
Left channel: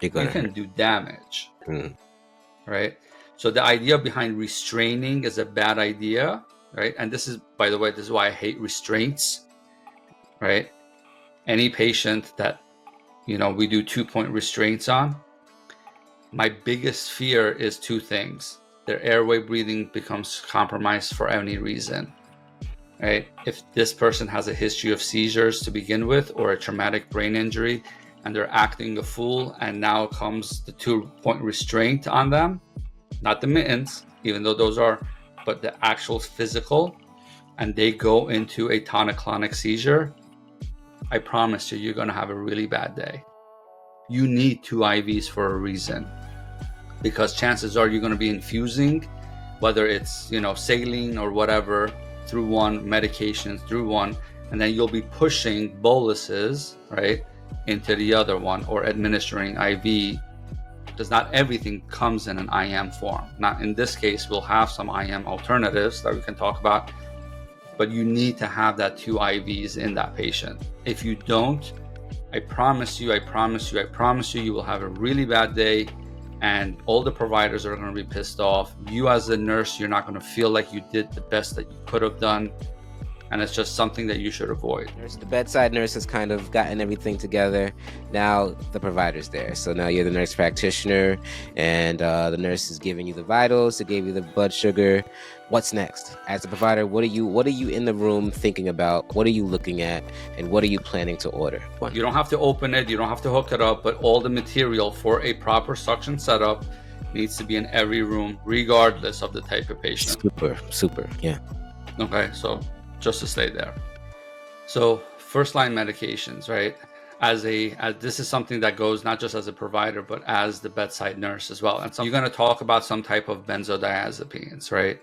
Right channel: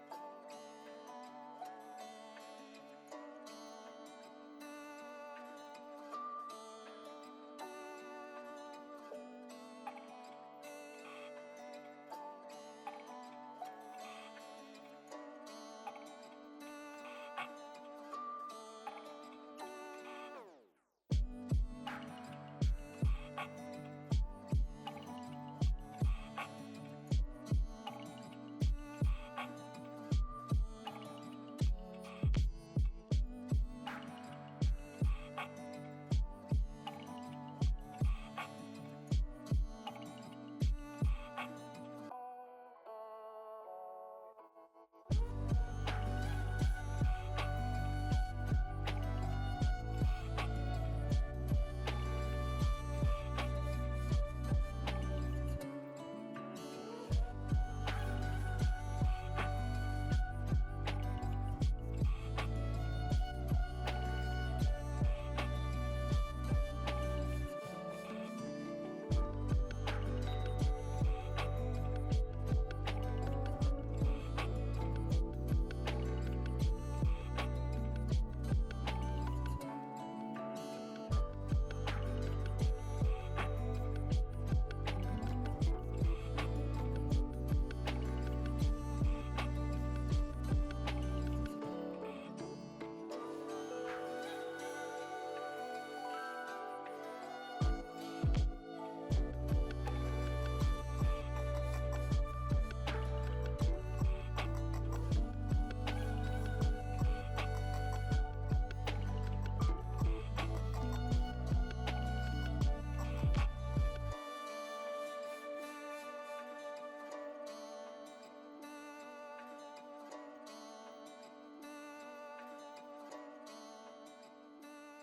you can do damage, right? So the idea behind restraining is a bad idea, right? And this is, by the way, this is why I hate restraints, right? Any patient that, we do 2-point restraints on, my biggest fear is two things. Their airway breathing becomes compromised for any reason, right? If this person has a history of seizures to begin with, or a traumatic brain injury, and they're acting a fool, and now comes the 2-point restraint on them, not the mittens, even though those are, but the actual physical, and they go into a tonic-clonic seizure, I promise you're going to have a really bad day. You need 2 IVs for a reason, because chances are you're going to be infusing, whether it's, saline or whatever, through one, medication through one, and then you'll be pushing boluses, right, into the other one, or administering IV, because not everything comes in an IM form. Now, in this case, we'll have some IM alternatives that we can talk about, but you need to have that 2 IVs in that patient. If you don't, I promise you, you will have a really bad day, and all the providers are going to be pissed off. You as a nurse, you're not going to feel like you did the best that you could have done, and it's just something that you should avoid. The bedside nurse has kind of gotten everything together. Now the provider's there. So now you're the nurse practitioner, and the nurse is giving you the vitals, they gave you the blood sugar. What's next? As a provider, what are you in the room thinking about? What are you looking at? And what are you planning to order? You don't have to open it, you don't have to hook it up, but all the material for a proper suction setup needs to be in every room, regardless of the type of patient. Super, yeah. Okay, so just to stay there. So first line medications, right? As this is something that goes not just as a provider, but as the bedside nurse as well. And so you're going to talk about some type of benzodiazepines, right?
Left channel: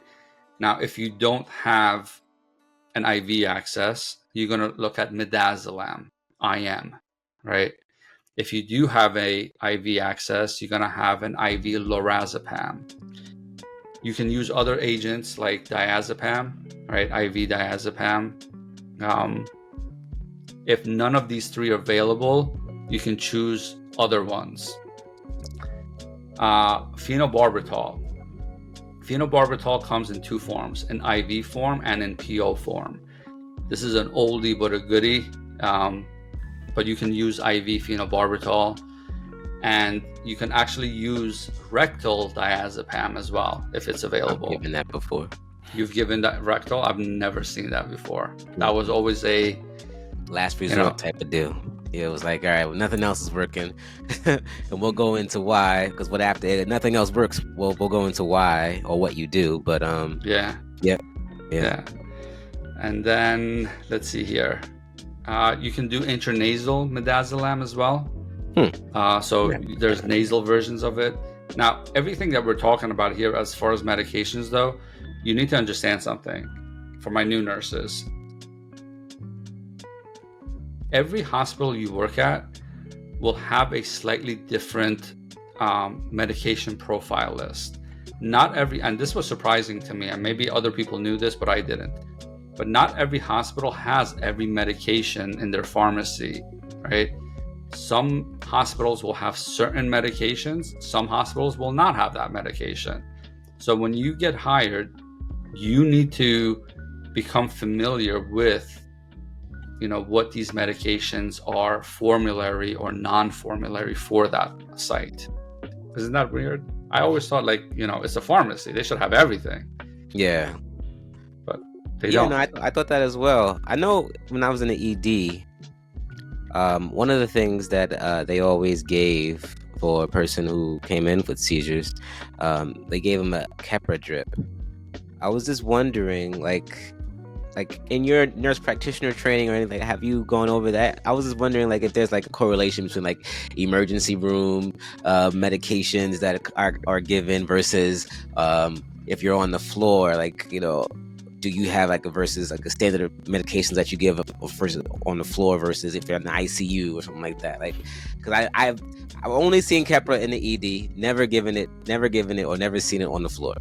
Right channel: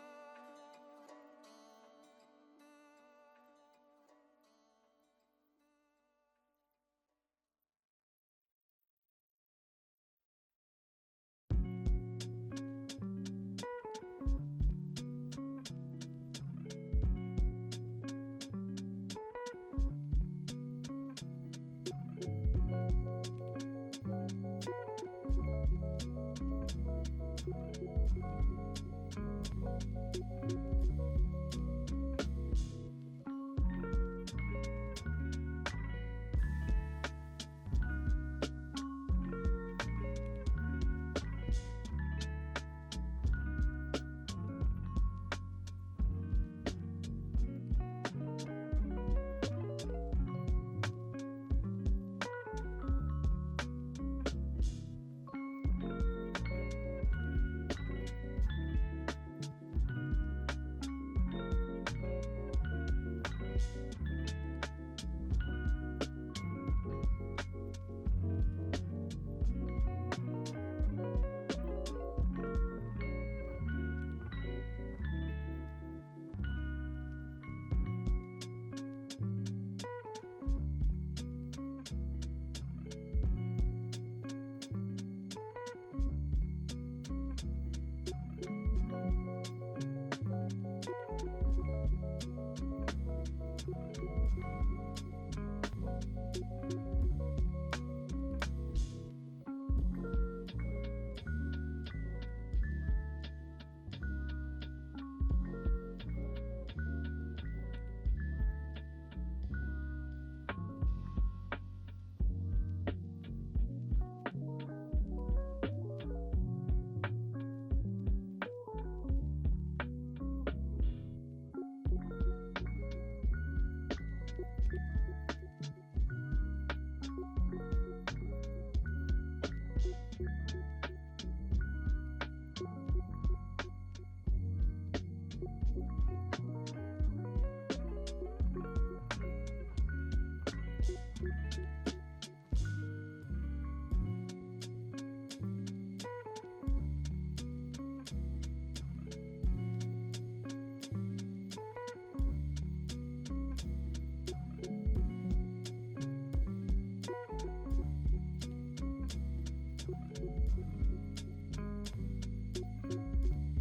Now, if you don't have an IV access, you're going to look at midazolam, IM, right? If you do have a IV access, you're going to have an IV lorazepam. You can use other agents like diazepam, right? IV diazepam. If none of these three are available, you can choose other ones. Phenobarbital. Phenobarbital comes in two forms, in IV form and in PO form. This is an oldie but a goodie, but you can use IV phenobarbital, and you can actually use rectal diazepam as well if it's available. I've given that before. You've given that rectal? I've never seen that before. That was always a last resort type of deal. It was like, all right, well, nothing else is working, and we'll go into why. Because what after nothing else works, we'll go into why or what you do. But yeah. And then let's see here. You can do intranasal midazolam as well. There's nasal versions of it. Now, everything that we're talking about here as far as medications, though, you need to understand something. For my new nurses, every hospital you work at will have a slightly different medication profile list. Not every, and this was surprising to me, and maybe other people knew this, but I didn't. But not every hospital has every medication in their pharmacy, right? Some hospitals will have certain medications. Some hospitals will not have that medication. So when you get hired, you need to become familiar with, what these medications are, formulary or non-formulary for that site. Isn't that weird? I always thought it's a pharmacy. They should have everything. Yeah. But they don't. No, I thought that as well. I know when I was in the ED, one of the things that they always gave for a person who came in with seizures, they gave them a Keppra drip. I was just wondering, like in your nurse practitioner training or anything, have you gone over that? I was just wondering, if there's a correlation between emergency room medications that are given versus if you're on the floor, do you have versus a standard of medications that you give versus on the floor versus if you're in the ICU or something like that? Because I've only seen Keppra in the ED, never given it, or never seen it on the floor.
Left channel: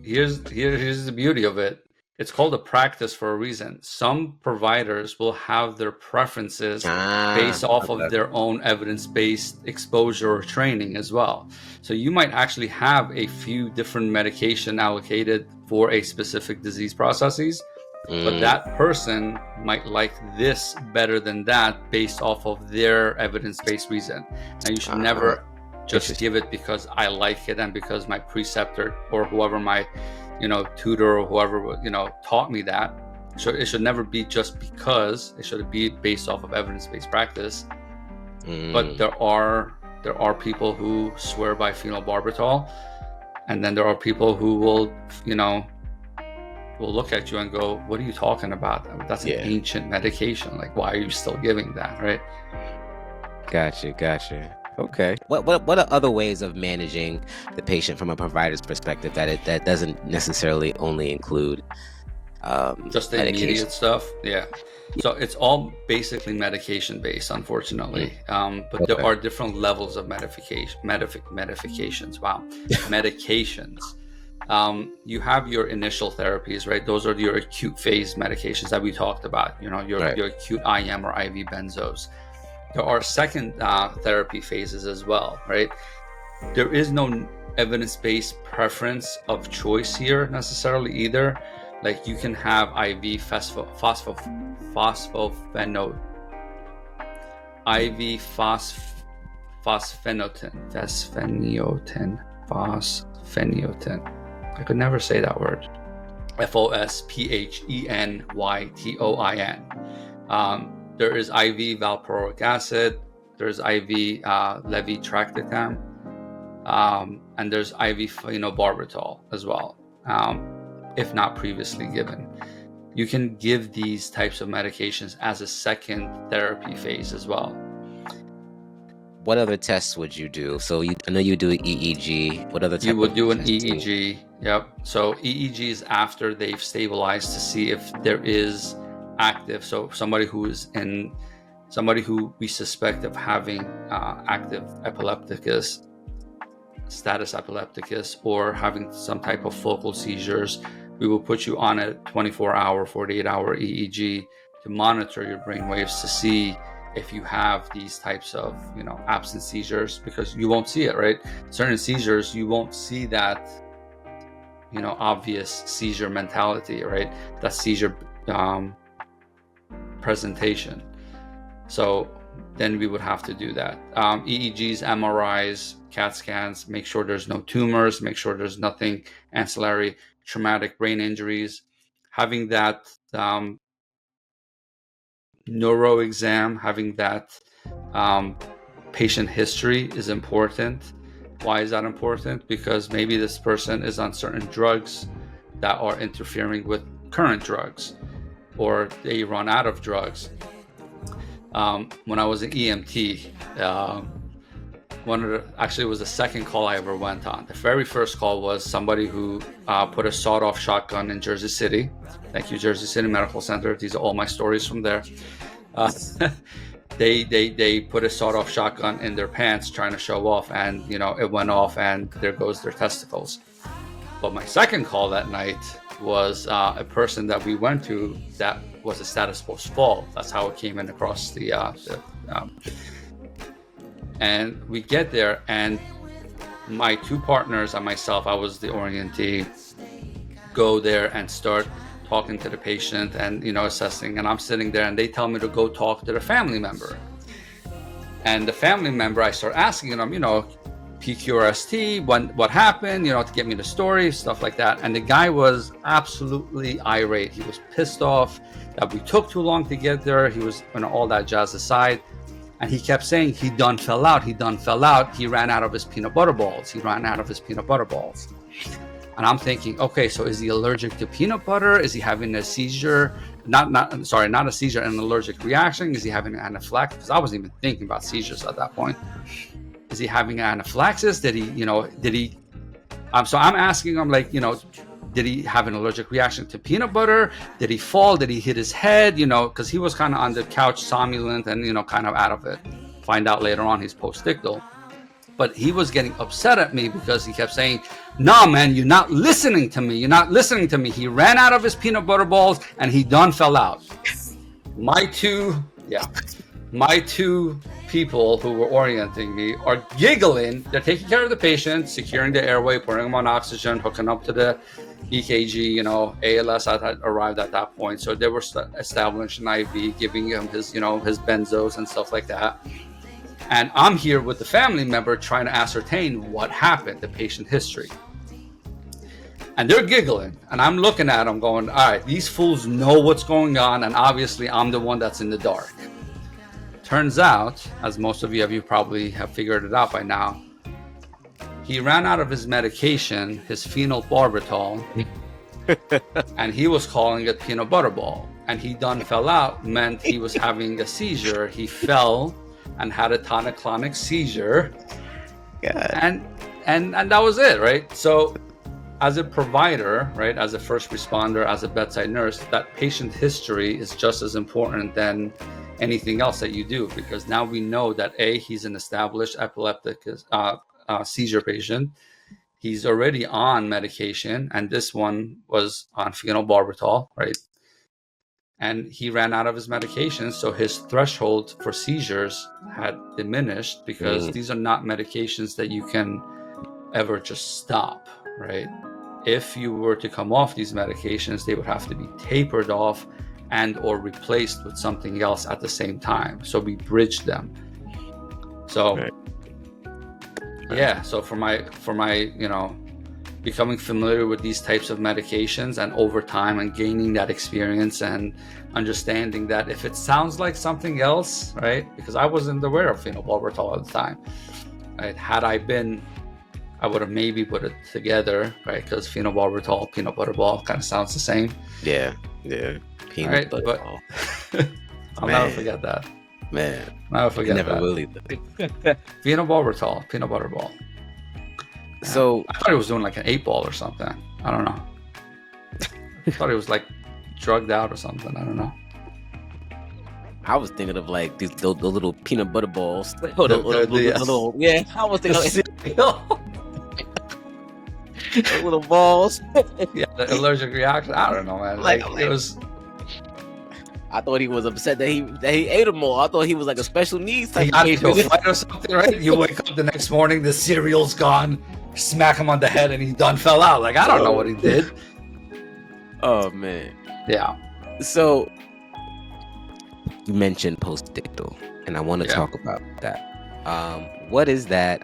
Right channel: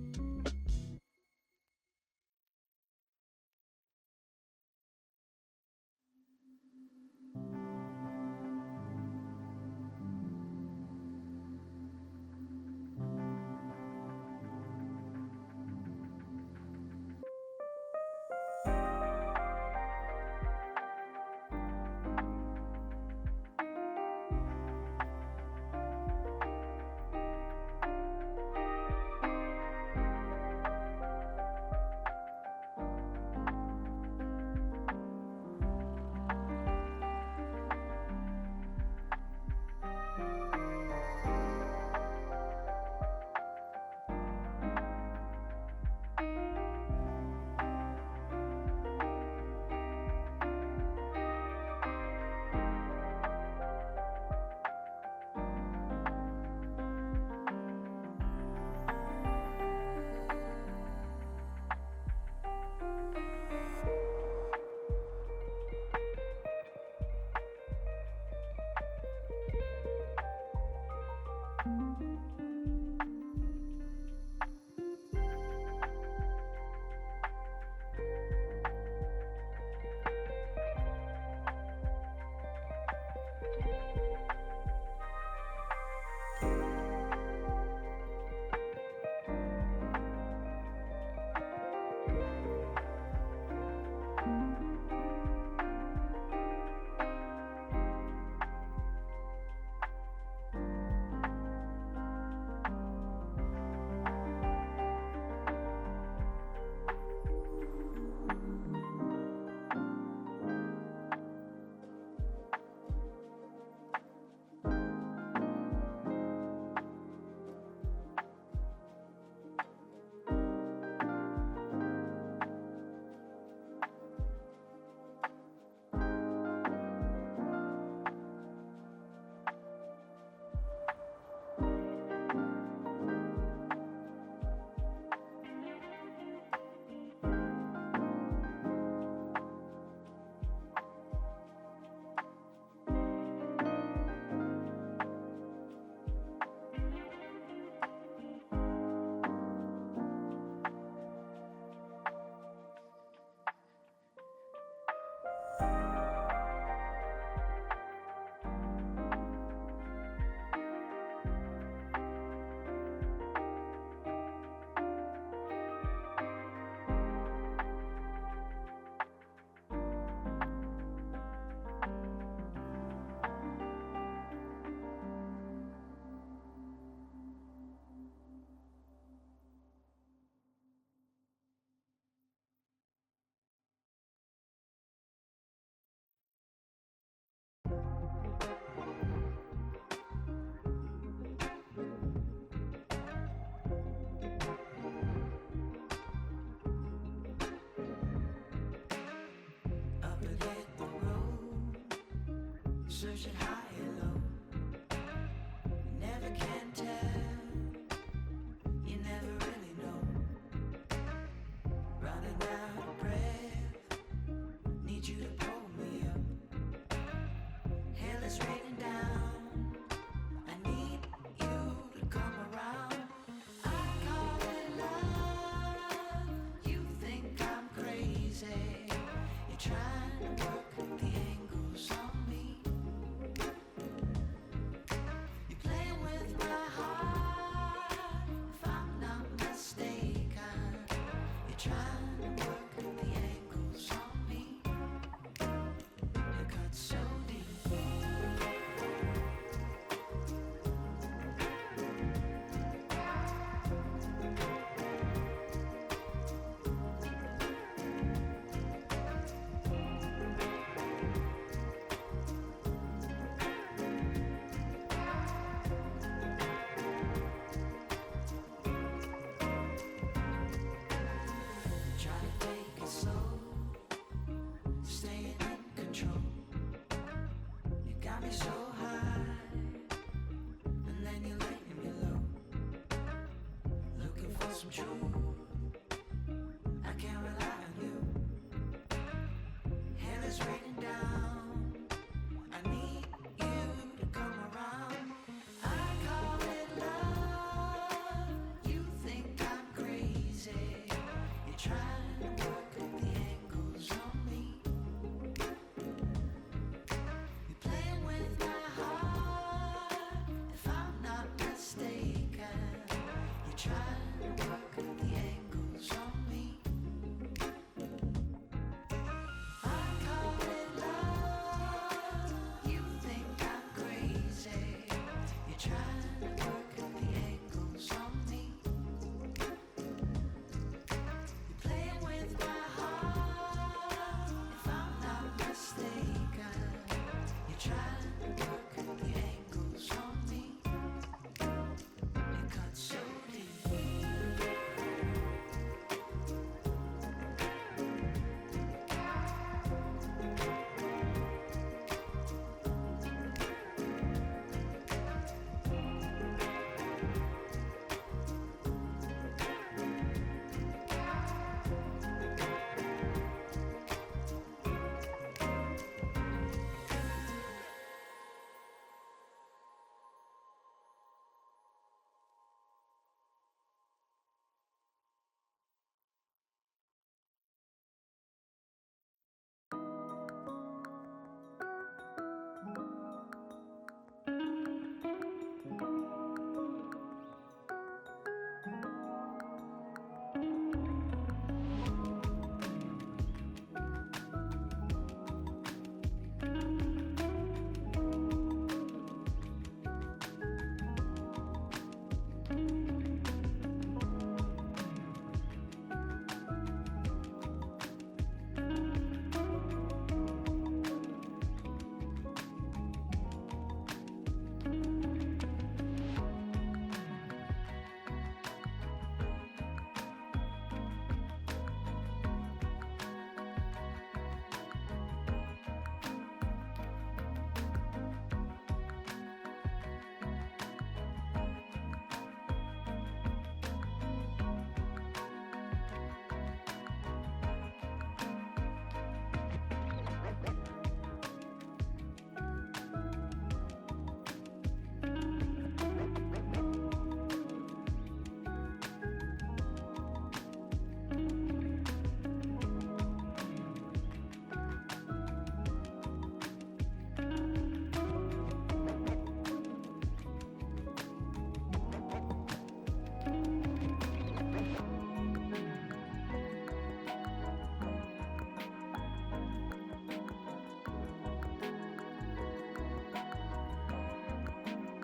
Here's the beauty of it. It's called a practice for a reason. Some providers will have their preferences based off of their own evidence-based exposure or training as well. So you might actually have a few different medication allocated for a specific disease processes, but that person might like this better than that based off of their evidence-based reason. Now you should never just give it because I like it and because my preceptor or whoever my tutor or whoever taught me that. So it should never be just because. It should be based off of evidence-based practice. But there are people who swear by phenobarbital, and then there are people who will look at you and go, "What are you talking about? That's an ancient medication. Why are you still giving that?" Right? Gotcha. Okay. What are other ways of managing the patient from a provider's perspective that doesn't necessarily only include just the immediate stuff? Yeah. So it's all basically medication based, unfortunately. But there are different levels of medications. Wow. Medications. You have your initial therapies, right? Those are your acute phase medications that we talked about. Your acute IM or IV benzos. There are second therapy phases as well, right? There is no evidence-based preference of choice here necessarily either. You can have IV phosphofenoten, I could never say that word. Fosphenytoin. There is IV valproic acid. There's IV levetiracetam. and there's IV phenobarbital as well, if not previously given. You can give these types of medications as a second therapy phase as well. What other tests would you do? So I know you do an EEG. What other type You would of do an testing? EEG. Yep. So EEG is after they've stabilized to see if there is active. So somebody who we suspect of having active epilepticus, status epilepticus, or having some type of focal seizures, we will put you on a 24-hour, 48-hour EEG to monitor your brain waves to see if you have these types of absent seizures, because you won't see it, right? Certain seizures, you won't see that obvious seizure mentality, right? That seizure presentation. So then we would have to do that. EEGs, MRIs, CAT scans, make sure there's no tumors, make sure there's nothing ancillary, traumatic brain injuries. Having that neuro exam, having that patient history is important. Why is that important? Because maybe this person is on certain drugs that are interfering with current drugs, or they run out of drugs. When I was an EMT, actually it was the second call I ever went on. The very first call was somebody who put a sawed-off shotgun in Jersey City. Thank you, Jersey City Medical Center. These are all my stories from there. They put a sawed-off shotgun in their pants trying to show off, and it went off, and there goes their testicles. But my second call that night was a person that we went to that was a status post-fall. That's how it came in across the and we get there, and my two partners and myself, I was the orientee, go there and start talking to the patient and assessing, and I'm sitting there, and they tell me to go talk to the family member. And the family member, I start asking them, PQRST, what happened, to get me the story, stuff like that. And the guy was absolutely irate. He was pissed off that we took too long to get there. He was all that jazz aside. And he kept saying he done fell out. He ran out of his peanut butter balls. And I'm thinking, okay, so is he allergic to peanut butter? Is he having a seizure? Not a seizure, an allergic reaction. Is he having an anaphylaxis? Because I wasn't even thinking about seizures at that point. Is he having an anaphylaxis? So I'm asking him, did he have an allergic reaction to peanut butter? Did he fall? Did he hit his head? Because he was kind of on the couch, somnolent, and, kind of out of it. Find out later on he's postictal. But he was getting upset at me because he kept saying, "No, man, you're not listening to me. He ran out of his peanut butter balls and he done fell out." My two people who were orienting me are giggling. They're taking care of the patient, securing the airway, putting him on oxygen, hooking up to the EKG. ALS had arrived at that point, so they were establishing IV, giving him his benzos and stuff like that. And I'm here with the family member trying to ascertain what happened, the patient history. And they're giggling, and I'm looking at them going, all right, these fools know what's going on, and obviously I'm the one that's in the dark. Turns out, as most of you probably have figured it out by now, he ran out of his medication, his phenobarbital, and he was calling it peanut butter ball. And he done fell out meant he was having a seizure. He fell and had a tonic-clonic seizure. God. And that was it, right? So as a provider, right, as a first responder, as a bedside nurse, that patient history is just as important than anything else that you do, because now we know that he's an established epileptic seizure patient. He's already on medication, and this one was on phenobarbital, right? And he ran out of his medication, so his threshold for seizures had diminished, because these are not medications that you can ever just stop, right? If you were to come off these medications, they would have to be tapered off and or replaced with something else at the same time. So we bridged them. So yeah, so for my becoming familiar with these types of medications, and over time and gaining that experience and understanding that if it sounds like something else, right? Because I wasn't aware of phenobarbital at the time, right? Had I been I would have maybe put it together, right? Because phenobarbital, peanut butter ball kind of sounds the same. Yeah. Peanut butter but ball. I'll Man. never forget that. Man. Never forget Never that. will either. Phenobarbital, peanut butter ball. So I thought he was doing like an 8-ball or something. I don't know. I thought he was like drugged out or something. I don't know. I was thinking of like the little peanut butter balls. Yes. Yeah, I was thinking of the little balls. Yeah, the allergic reaction. I don't know, man. It was. I thought he was upset that he ate them all. I thought he was like a special needs type He got of into a patient. fight or something, right? You wake up the next morning, the cereal's gone. Smack him on the head, and he done fell out. Like I don't know what he did. Oh man. Yeah. So you mentioned postdictal, and I want to Yeah. talk about that. What is that?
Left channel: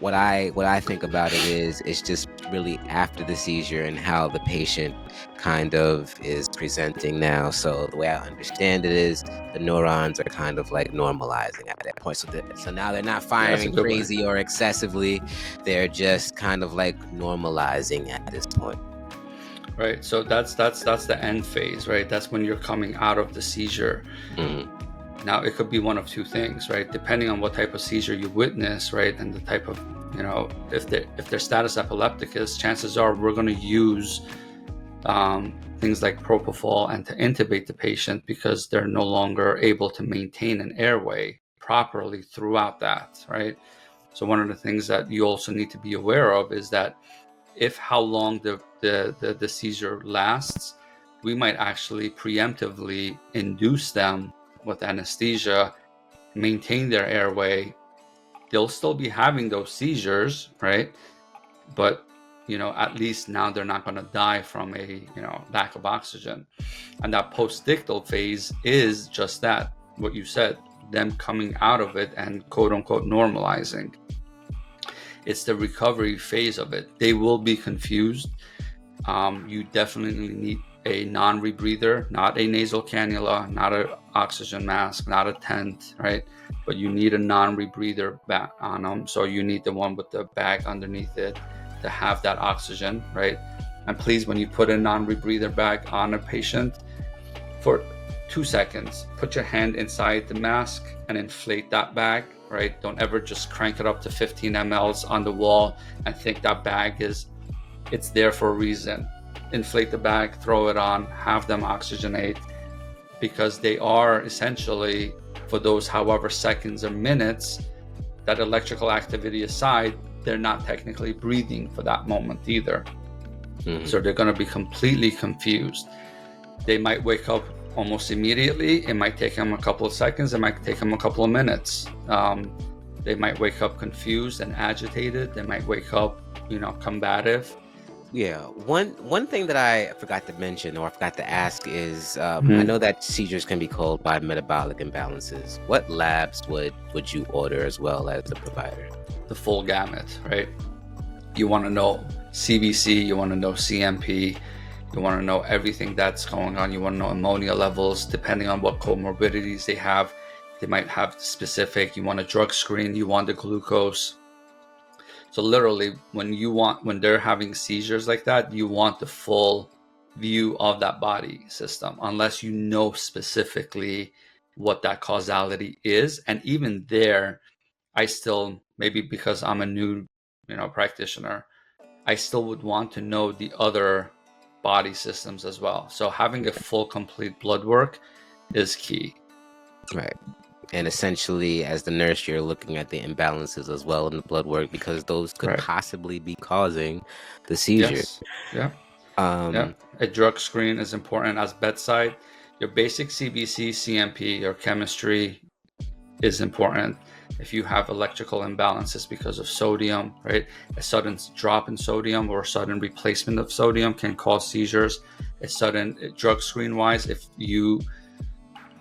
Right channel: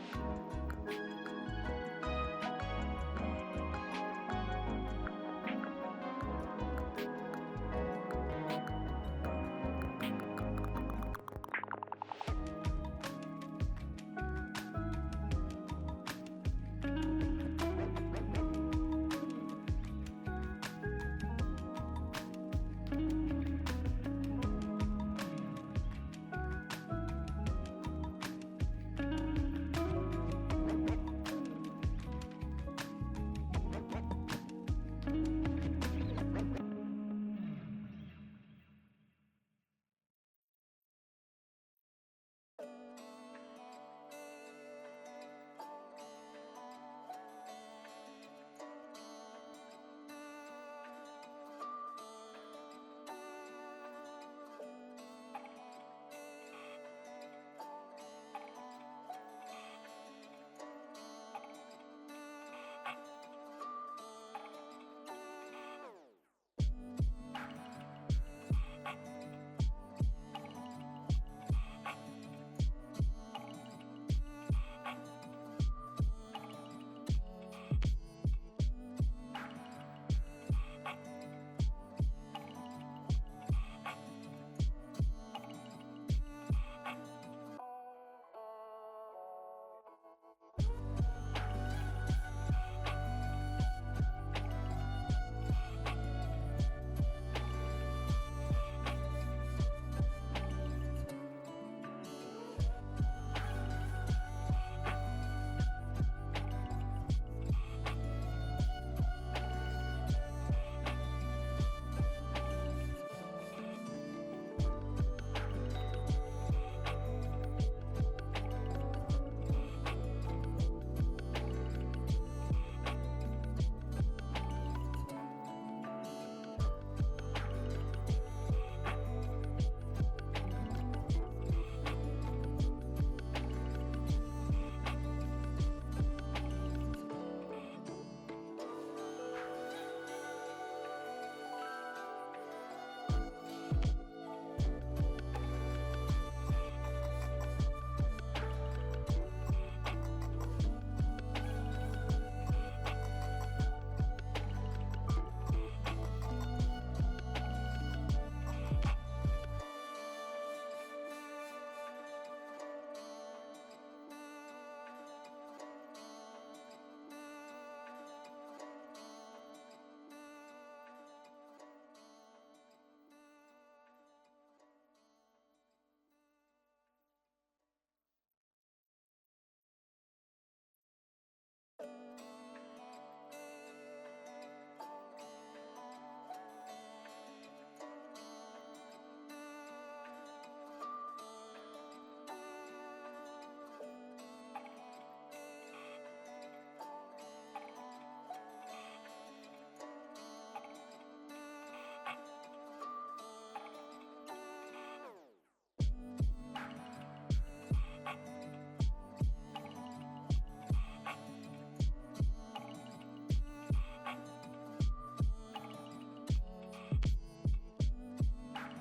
What I think about it is it's just really after the seizure and how the patient kind of is presenting now. So the way I understand it is the neurons are kind of like normalizing at that point. So now they're not firing good way. crazy or excessively. They're just kind of like normalizing at this point. Right. So that's the end phase, right? That's when you're coming out of the seizure. Mhm. Now it could be one of two things, right? Depending on what type of seizure you witness, right, and the type of, if they're status epilepticus, chances are we're going to use things like propofol and to intubate the patient because they're no longer able to maintain an airway properly throughout that, right? So one of the things that you also need to be aware of is that if how long the seizure lasts, we might actually preemptively induce them with anesthesia, maintain their airway. They'll still be having those seizures, right? But at least now they're not going to die from a lack of oxygen. And that postdictal phase is just that, what you said, them coming out of it and quote unquote normalizing. It's the recovery phase of it. They will be confused. You definitely need a non-rebreather, not a nasal cannula, not an oxygen mask, not a tent, right? But you need a non-rebreather back on them. So you need the one with the bag underneath it to have that oxygen, right? And please, when you put a non-rebreather bag on a patient, for 2 seconds, put your hand inside the mask and inflate that bag, right? Don't ever just crank it up to 15 mLs on the wall and think that bag it's there for a reason. Inflate the bag, throw it on, have them oxygenate, because they are essentially, for those however seconds or minutes, that electrical activity aside, they're not technically breathing for that moment either. Mhm. So they're going to be completely confused. They might wake up almost immediately. It might take them a couple of seconds. It might take them a couple of minutes. They might wake up confused and agitated. They might wake up, combative. Yeah, one thing that I forgot to mention or I forgot to ask is I know that seizures can be caused by metabolic imbalances. What labs would you order as well as the provider? The full gamut, right? You want to know CBC, you want to know CMP, you want to know everything that's going on. You want to know ammonia levels, depending on what comorbidities they have. They might have specific, you want a drug screen, you want the glucose. So literally, when they're having seizures like that, you want the full view of that body system, unless you know specifically what that causality is. And even there, I still, maybe because I'm a new, practitioner, I still would want to know the other body systems as well. So having a full, complete blood work is key. Right. And essentially, as the nurse, you're looking at the imbalances as well in the blood work because those could Right. possibly be causing the seizure. Yes. Yeah. A drug screen is important as bedside. Your basic CBC, CMP, your chemistry is important. If you have electrical imbalances because of sodium, right? A sudden drop in sodium or a sudden replacement of sodium can cause seizures. A sudden drug screen wise, if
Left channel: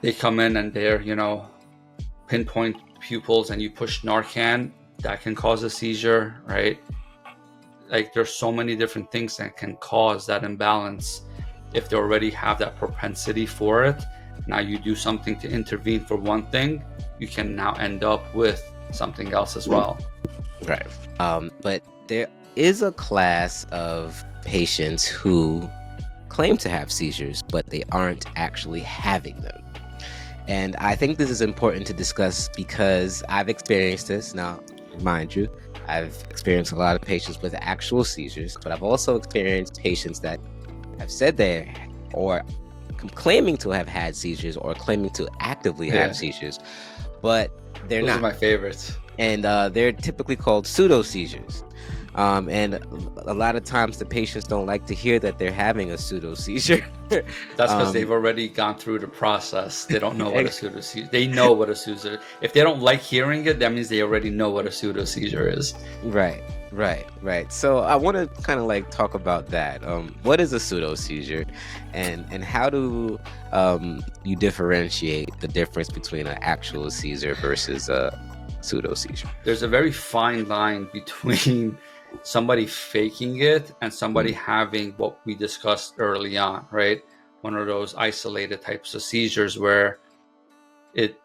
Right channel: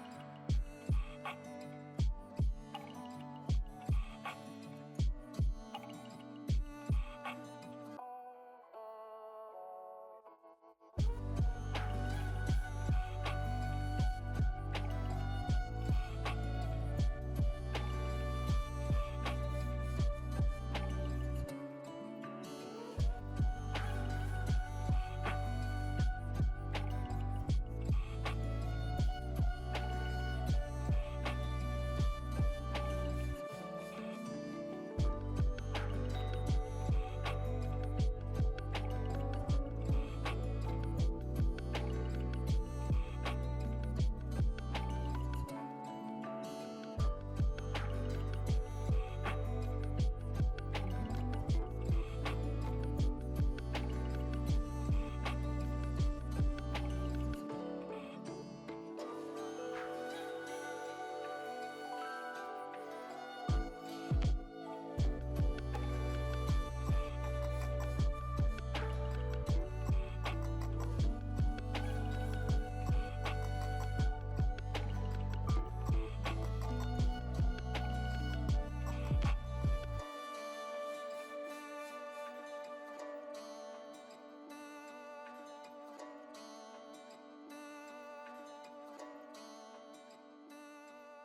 they come in and they're, pinpoint pupils and you push Narcan, that can cause a seizure, right? Like there's so many different things that can cause that imbalance. If they already have that propensity for it, now you do something to intervene for one thing, you can now end up with something else as well. Right. But there is a class of patients who claim to have seizures, but they aren't actually having them. And I think this is important to discuss because I've experienced this. Now, mind you, I've experienced a lot of patients with actual seizures, but I've also experienced patients that have said they or claiming to have had seizures or claiming to actively have seizures, but they're Those not. are my favorites. And they're typically called pseudo seizures. And a lot of times the patients don't like to hear that they're having a pseudo seizure. That's because they've already gone through the process. They don't know what a pseudo seizure. They know what a seizure. If they don't like hearing it, that means they already know what a pseudo seizure is. Right. So I want to kind of like talk about that. What is a pseudo seizure, and how do you differentiate the difference between an actual seizure versus a pseudo seizure? There's a very fine line between somebody faking it and somebody having what we discussed early on, right? One of those isolated types of seizures where it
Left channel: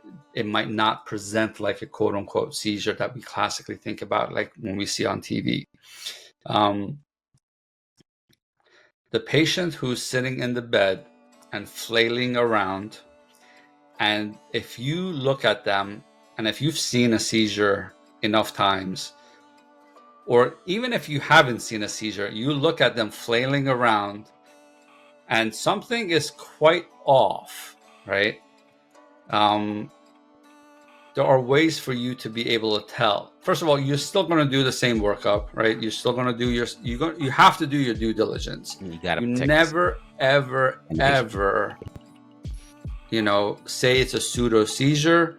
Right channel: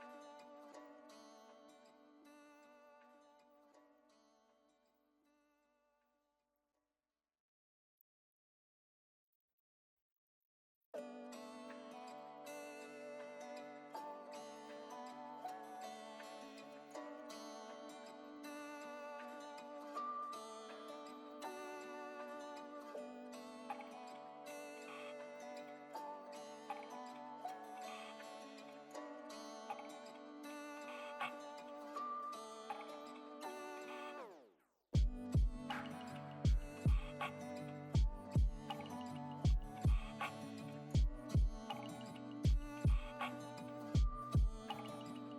might not present like a quote unquote seizure that we classically think about, like when we see on TV. The patient who's sitting in the bed and flailing around, and if you look at them, and if you've seen a seizure enough times, or even if you haven't seen a seizure, you look at them flailing around and something is quite off, right? There are ways for you to be able to tell. First of all, you're still going to do the same workup, right? You're still going to do you have to do your due diligence. You never, ever, say it's a pseudo seizure,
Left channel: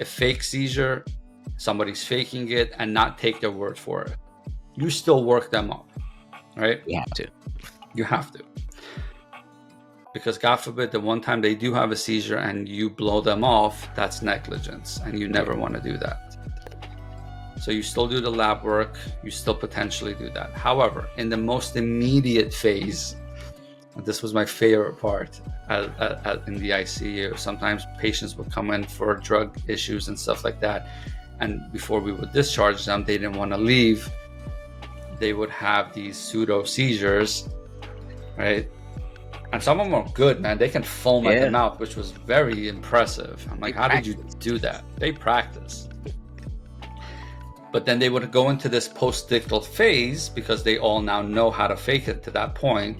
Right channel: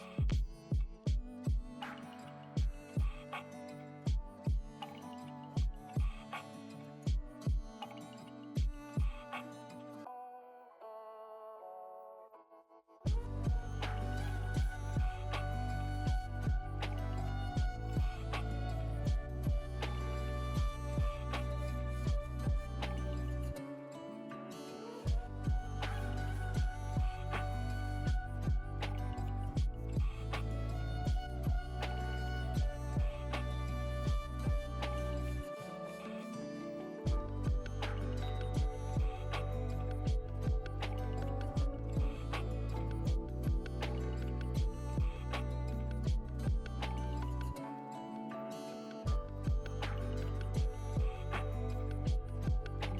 a fake seizure, somebody's faking it, and not take their word for it. You still work them up, right? You have to. Because God forbid, the one time they do have a seizure and you blow them off, that's negligence, and you never want to do that. So you still do the lab work, you still potentially do that. However, in the most immediate phase, this was my favorite part in the ICU. Sometimes patients would come in for drug issues and stuff like that, and before we would discharge them, they didn't want to leave. They would have these pseudo seizures, right? And some of them are good, man. They can foam at the mouth, which was very impressive. I'm like, how did you do that? They practice. But then they would go into this post-ictal phase because they all now know how to fake it to that point.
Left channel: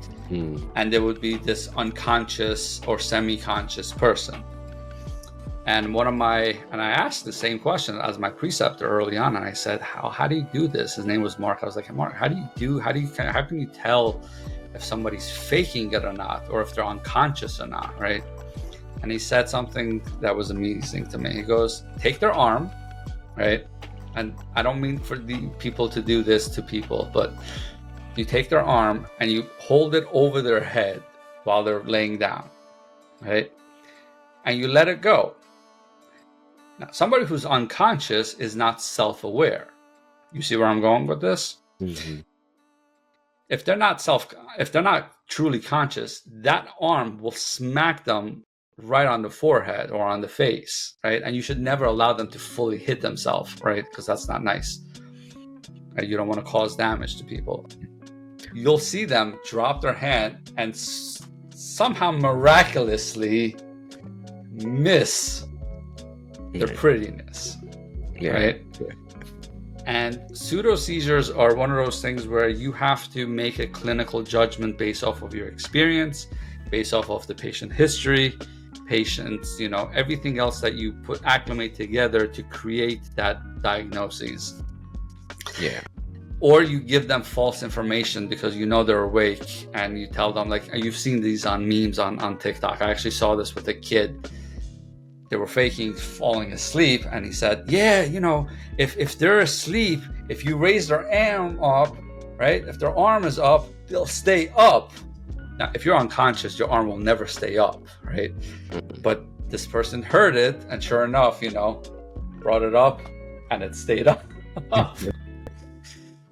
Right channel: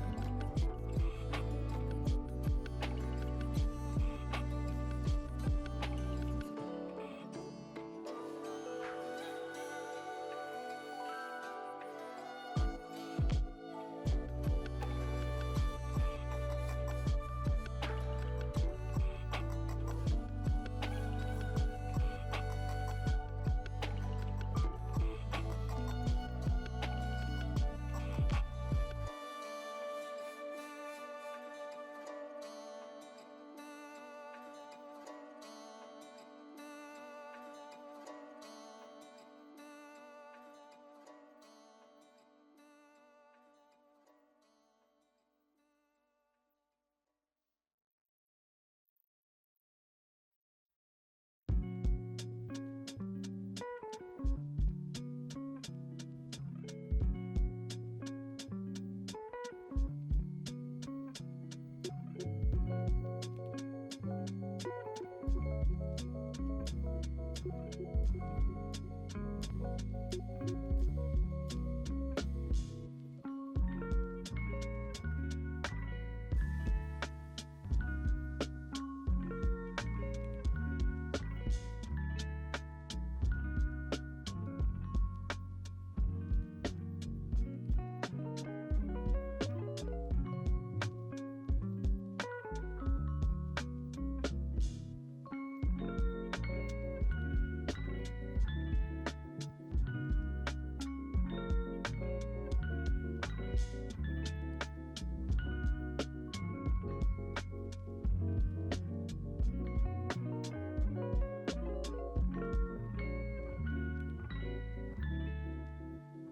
And there would be this unconscious or semi-conscious person. And I asked the same question as my preceptor early on, and I said, how do you do this? His name was Mark. I was like, Mark, how can you tell if somebody's faking it or not, or if they're unconscious or not, right? And he said something that was amazing to me. He goes, take their arm, right? And I don't mean for the people to do this to people, but you take their arm and you hold it over their head while they're laying down, right? And you let it go. Now, somebody who's unconscious is not self-aware. You see where I'm going with this? Mm-hmm. If they're not truly conscious, that arm will smack them right on the forehead or on the face, right? And you should never allow them to fully hit themselves, right? Because that's not nice. Right? You don't want to cause damage to people. You'll see them drop their hand and somehow miraculously miss their prettiness, right? And pseudo seizures are one of those things where you have to make a clinical judgment based off of your experience, based off of the patient history, patients, everything else that you acclimate together to create that diagnosis. Yeah. Or you give them false information because they're awake, and you tell them, like, you've seen these on memes on TikTok. I actually saw this with a kid. They were faking falling asleep, and he said, if they're asleep, if you raise their arm up, right? If their arm is up, they'll stay up. Now, if you're unconscious, your arm will never stay up, right? But this person heard it, and sure enough, brought it up, and it stayed up.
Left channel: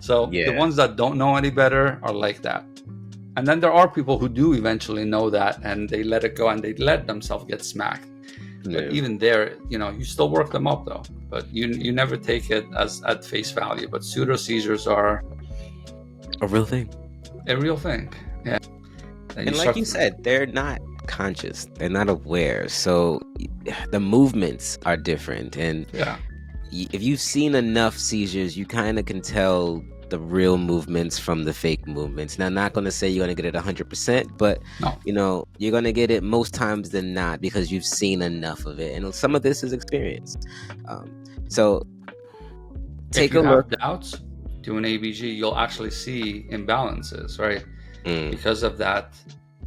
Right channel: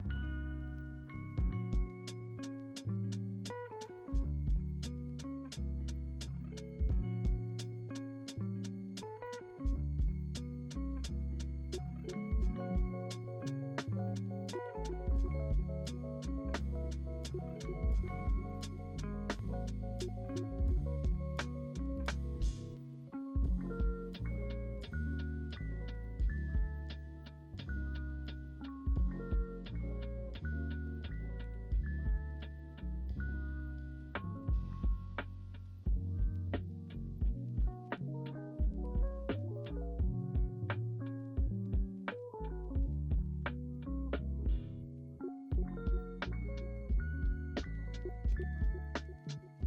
So the ones that don't know any better are like that. And then there are people who do eventually know that, and they let it go, and they let themselves get smacked. But Yeah. even there, you still work them up though, but you never take it as at face value. But pseudo seizures are A real thing. a real thing. Yeah. And like you said, they're not conscious. They're not aware. So the movements are different. And yeah, if you've seen enough seizures, you kind of can tell the real movements from the fake movements. Now, I'm not going to say you're going to get it 100%, but no. you're going to get it most times than not because you've seen enough of it. And some of this is experience. So take a look. If you have doubts, do an ABG. You'll actually see imbalances, right? Because of that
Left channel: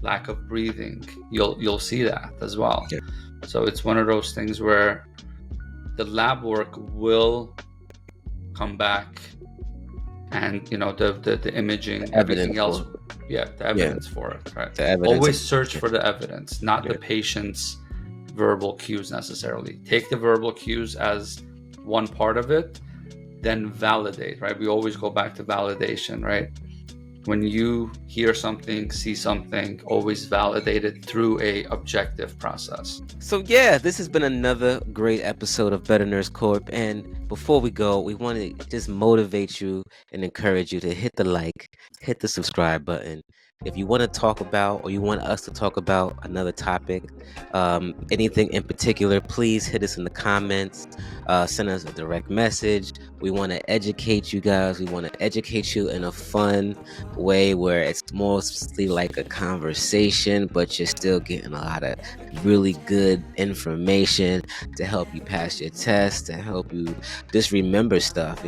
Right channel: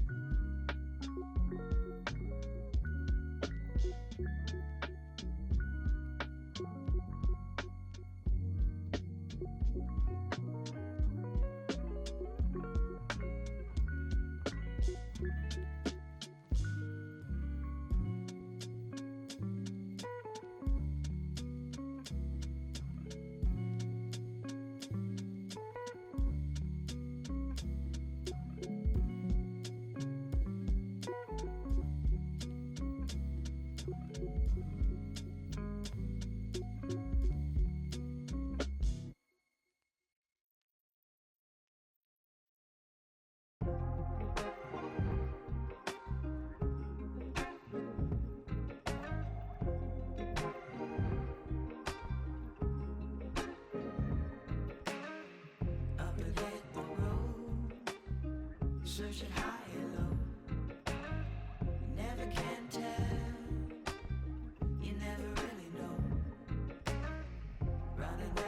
lack of breathing, you'll see that as well. Yeah. So it's one of those things where the lab work will come back, and the imaging, everything else, the evidence for it, right? Always search for the evidence, not the patient's verbal cues necessarily. Take the verbal cues as one part of it, then validate, right? We always go back to validation, right? When you hear something, see something, always validate it through a objective process. So yeah, this has been another great episode of Better Nurse Corp. And before we go, we want to just motivate you and encourage you to hit the like, hit the subscribe button. If you want to talk about, or you want us to talk about another topic, anything in particular, please hit us in the comments, send us a direct message. We want to educate you guys. We want to educate you in a fun way where it's mostly like a conversation, but you're still getting a lot of really good information to help you pass your test, to help you just remember stuff.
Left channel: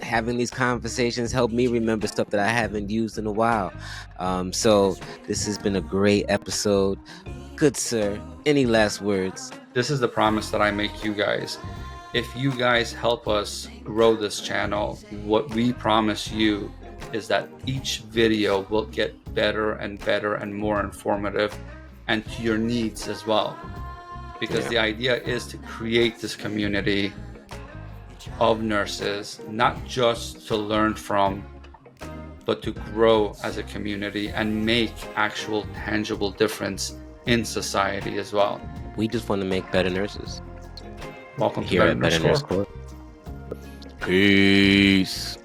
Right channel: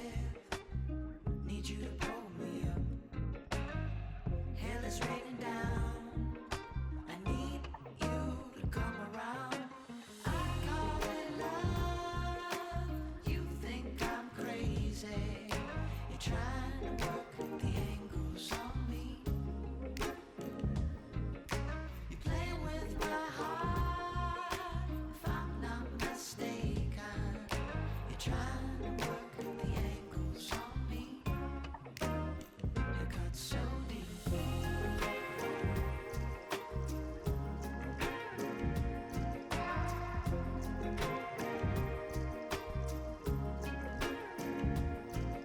Having these conversations help me remember stuff that I haven't used in a while. So this has been a great episode. Good sir, any last words? This is the promise that I make you guys. If you guys help us grow this channel, what we promise you is that each video will get better and better and more informative, and to your needs as well. Because the idea is to create this community of nurses, not just to learn from, but to grow as a community and make actual tangible difference in society as well. We just want to make better nurses. Welcome Here to at Better Nurse Corp. Peace.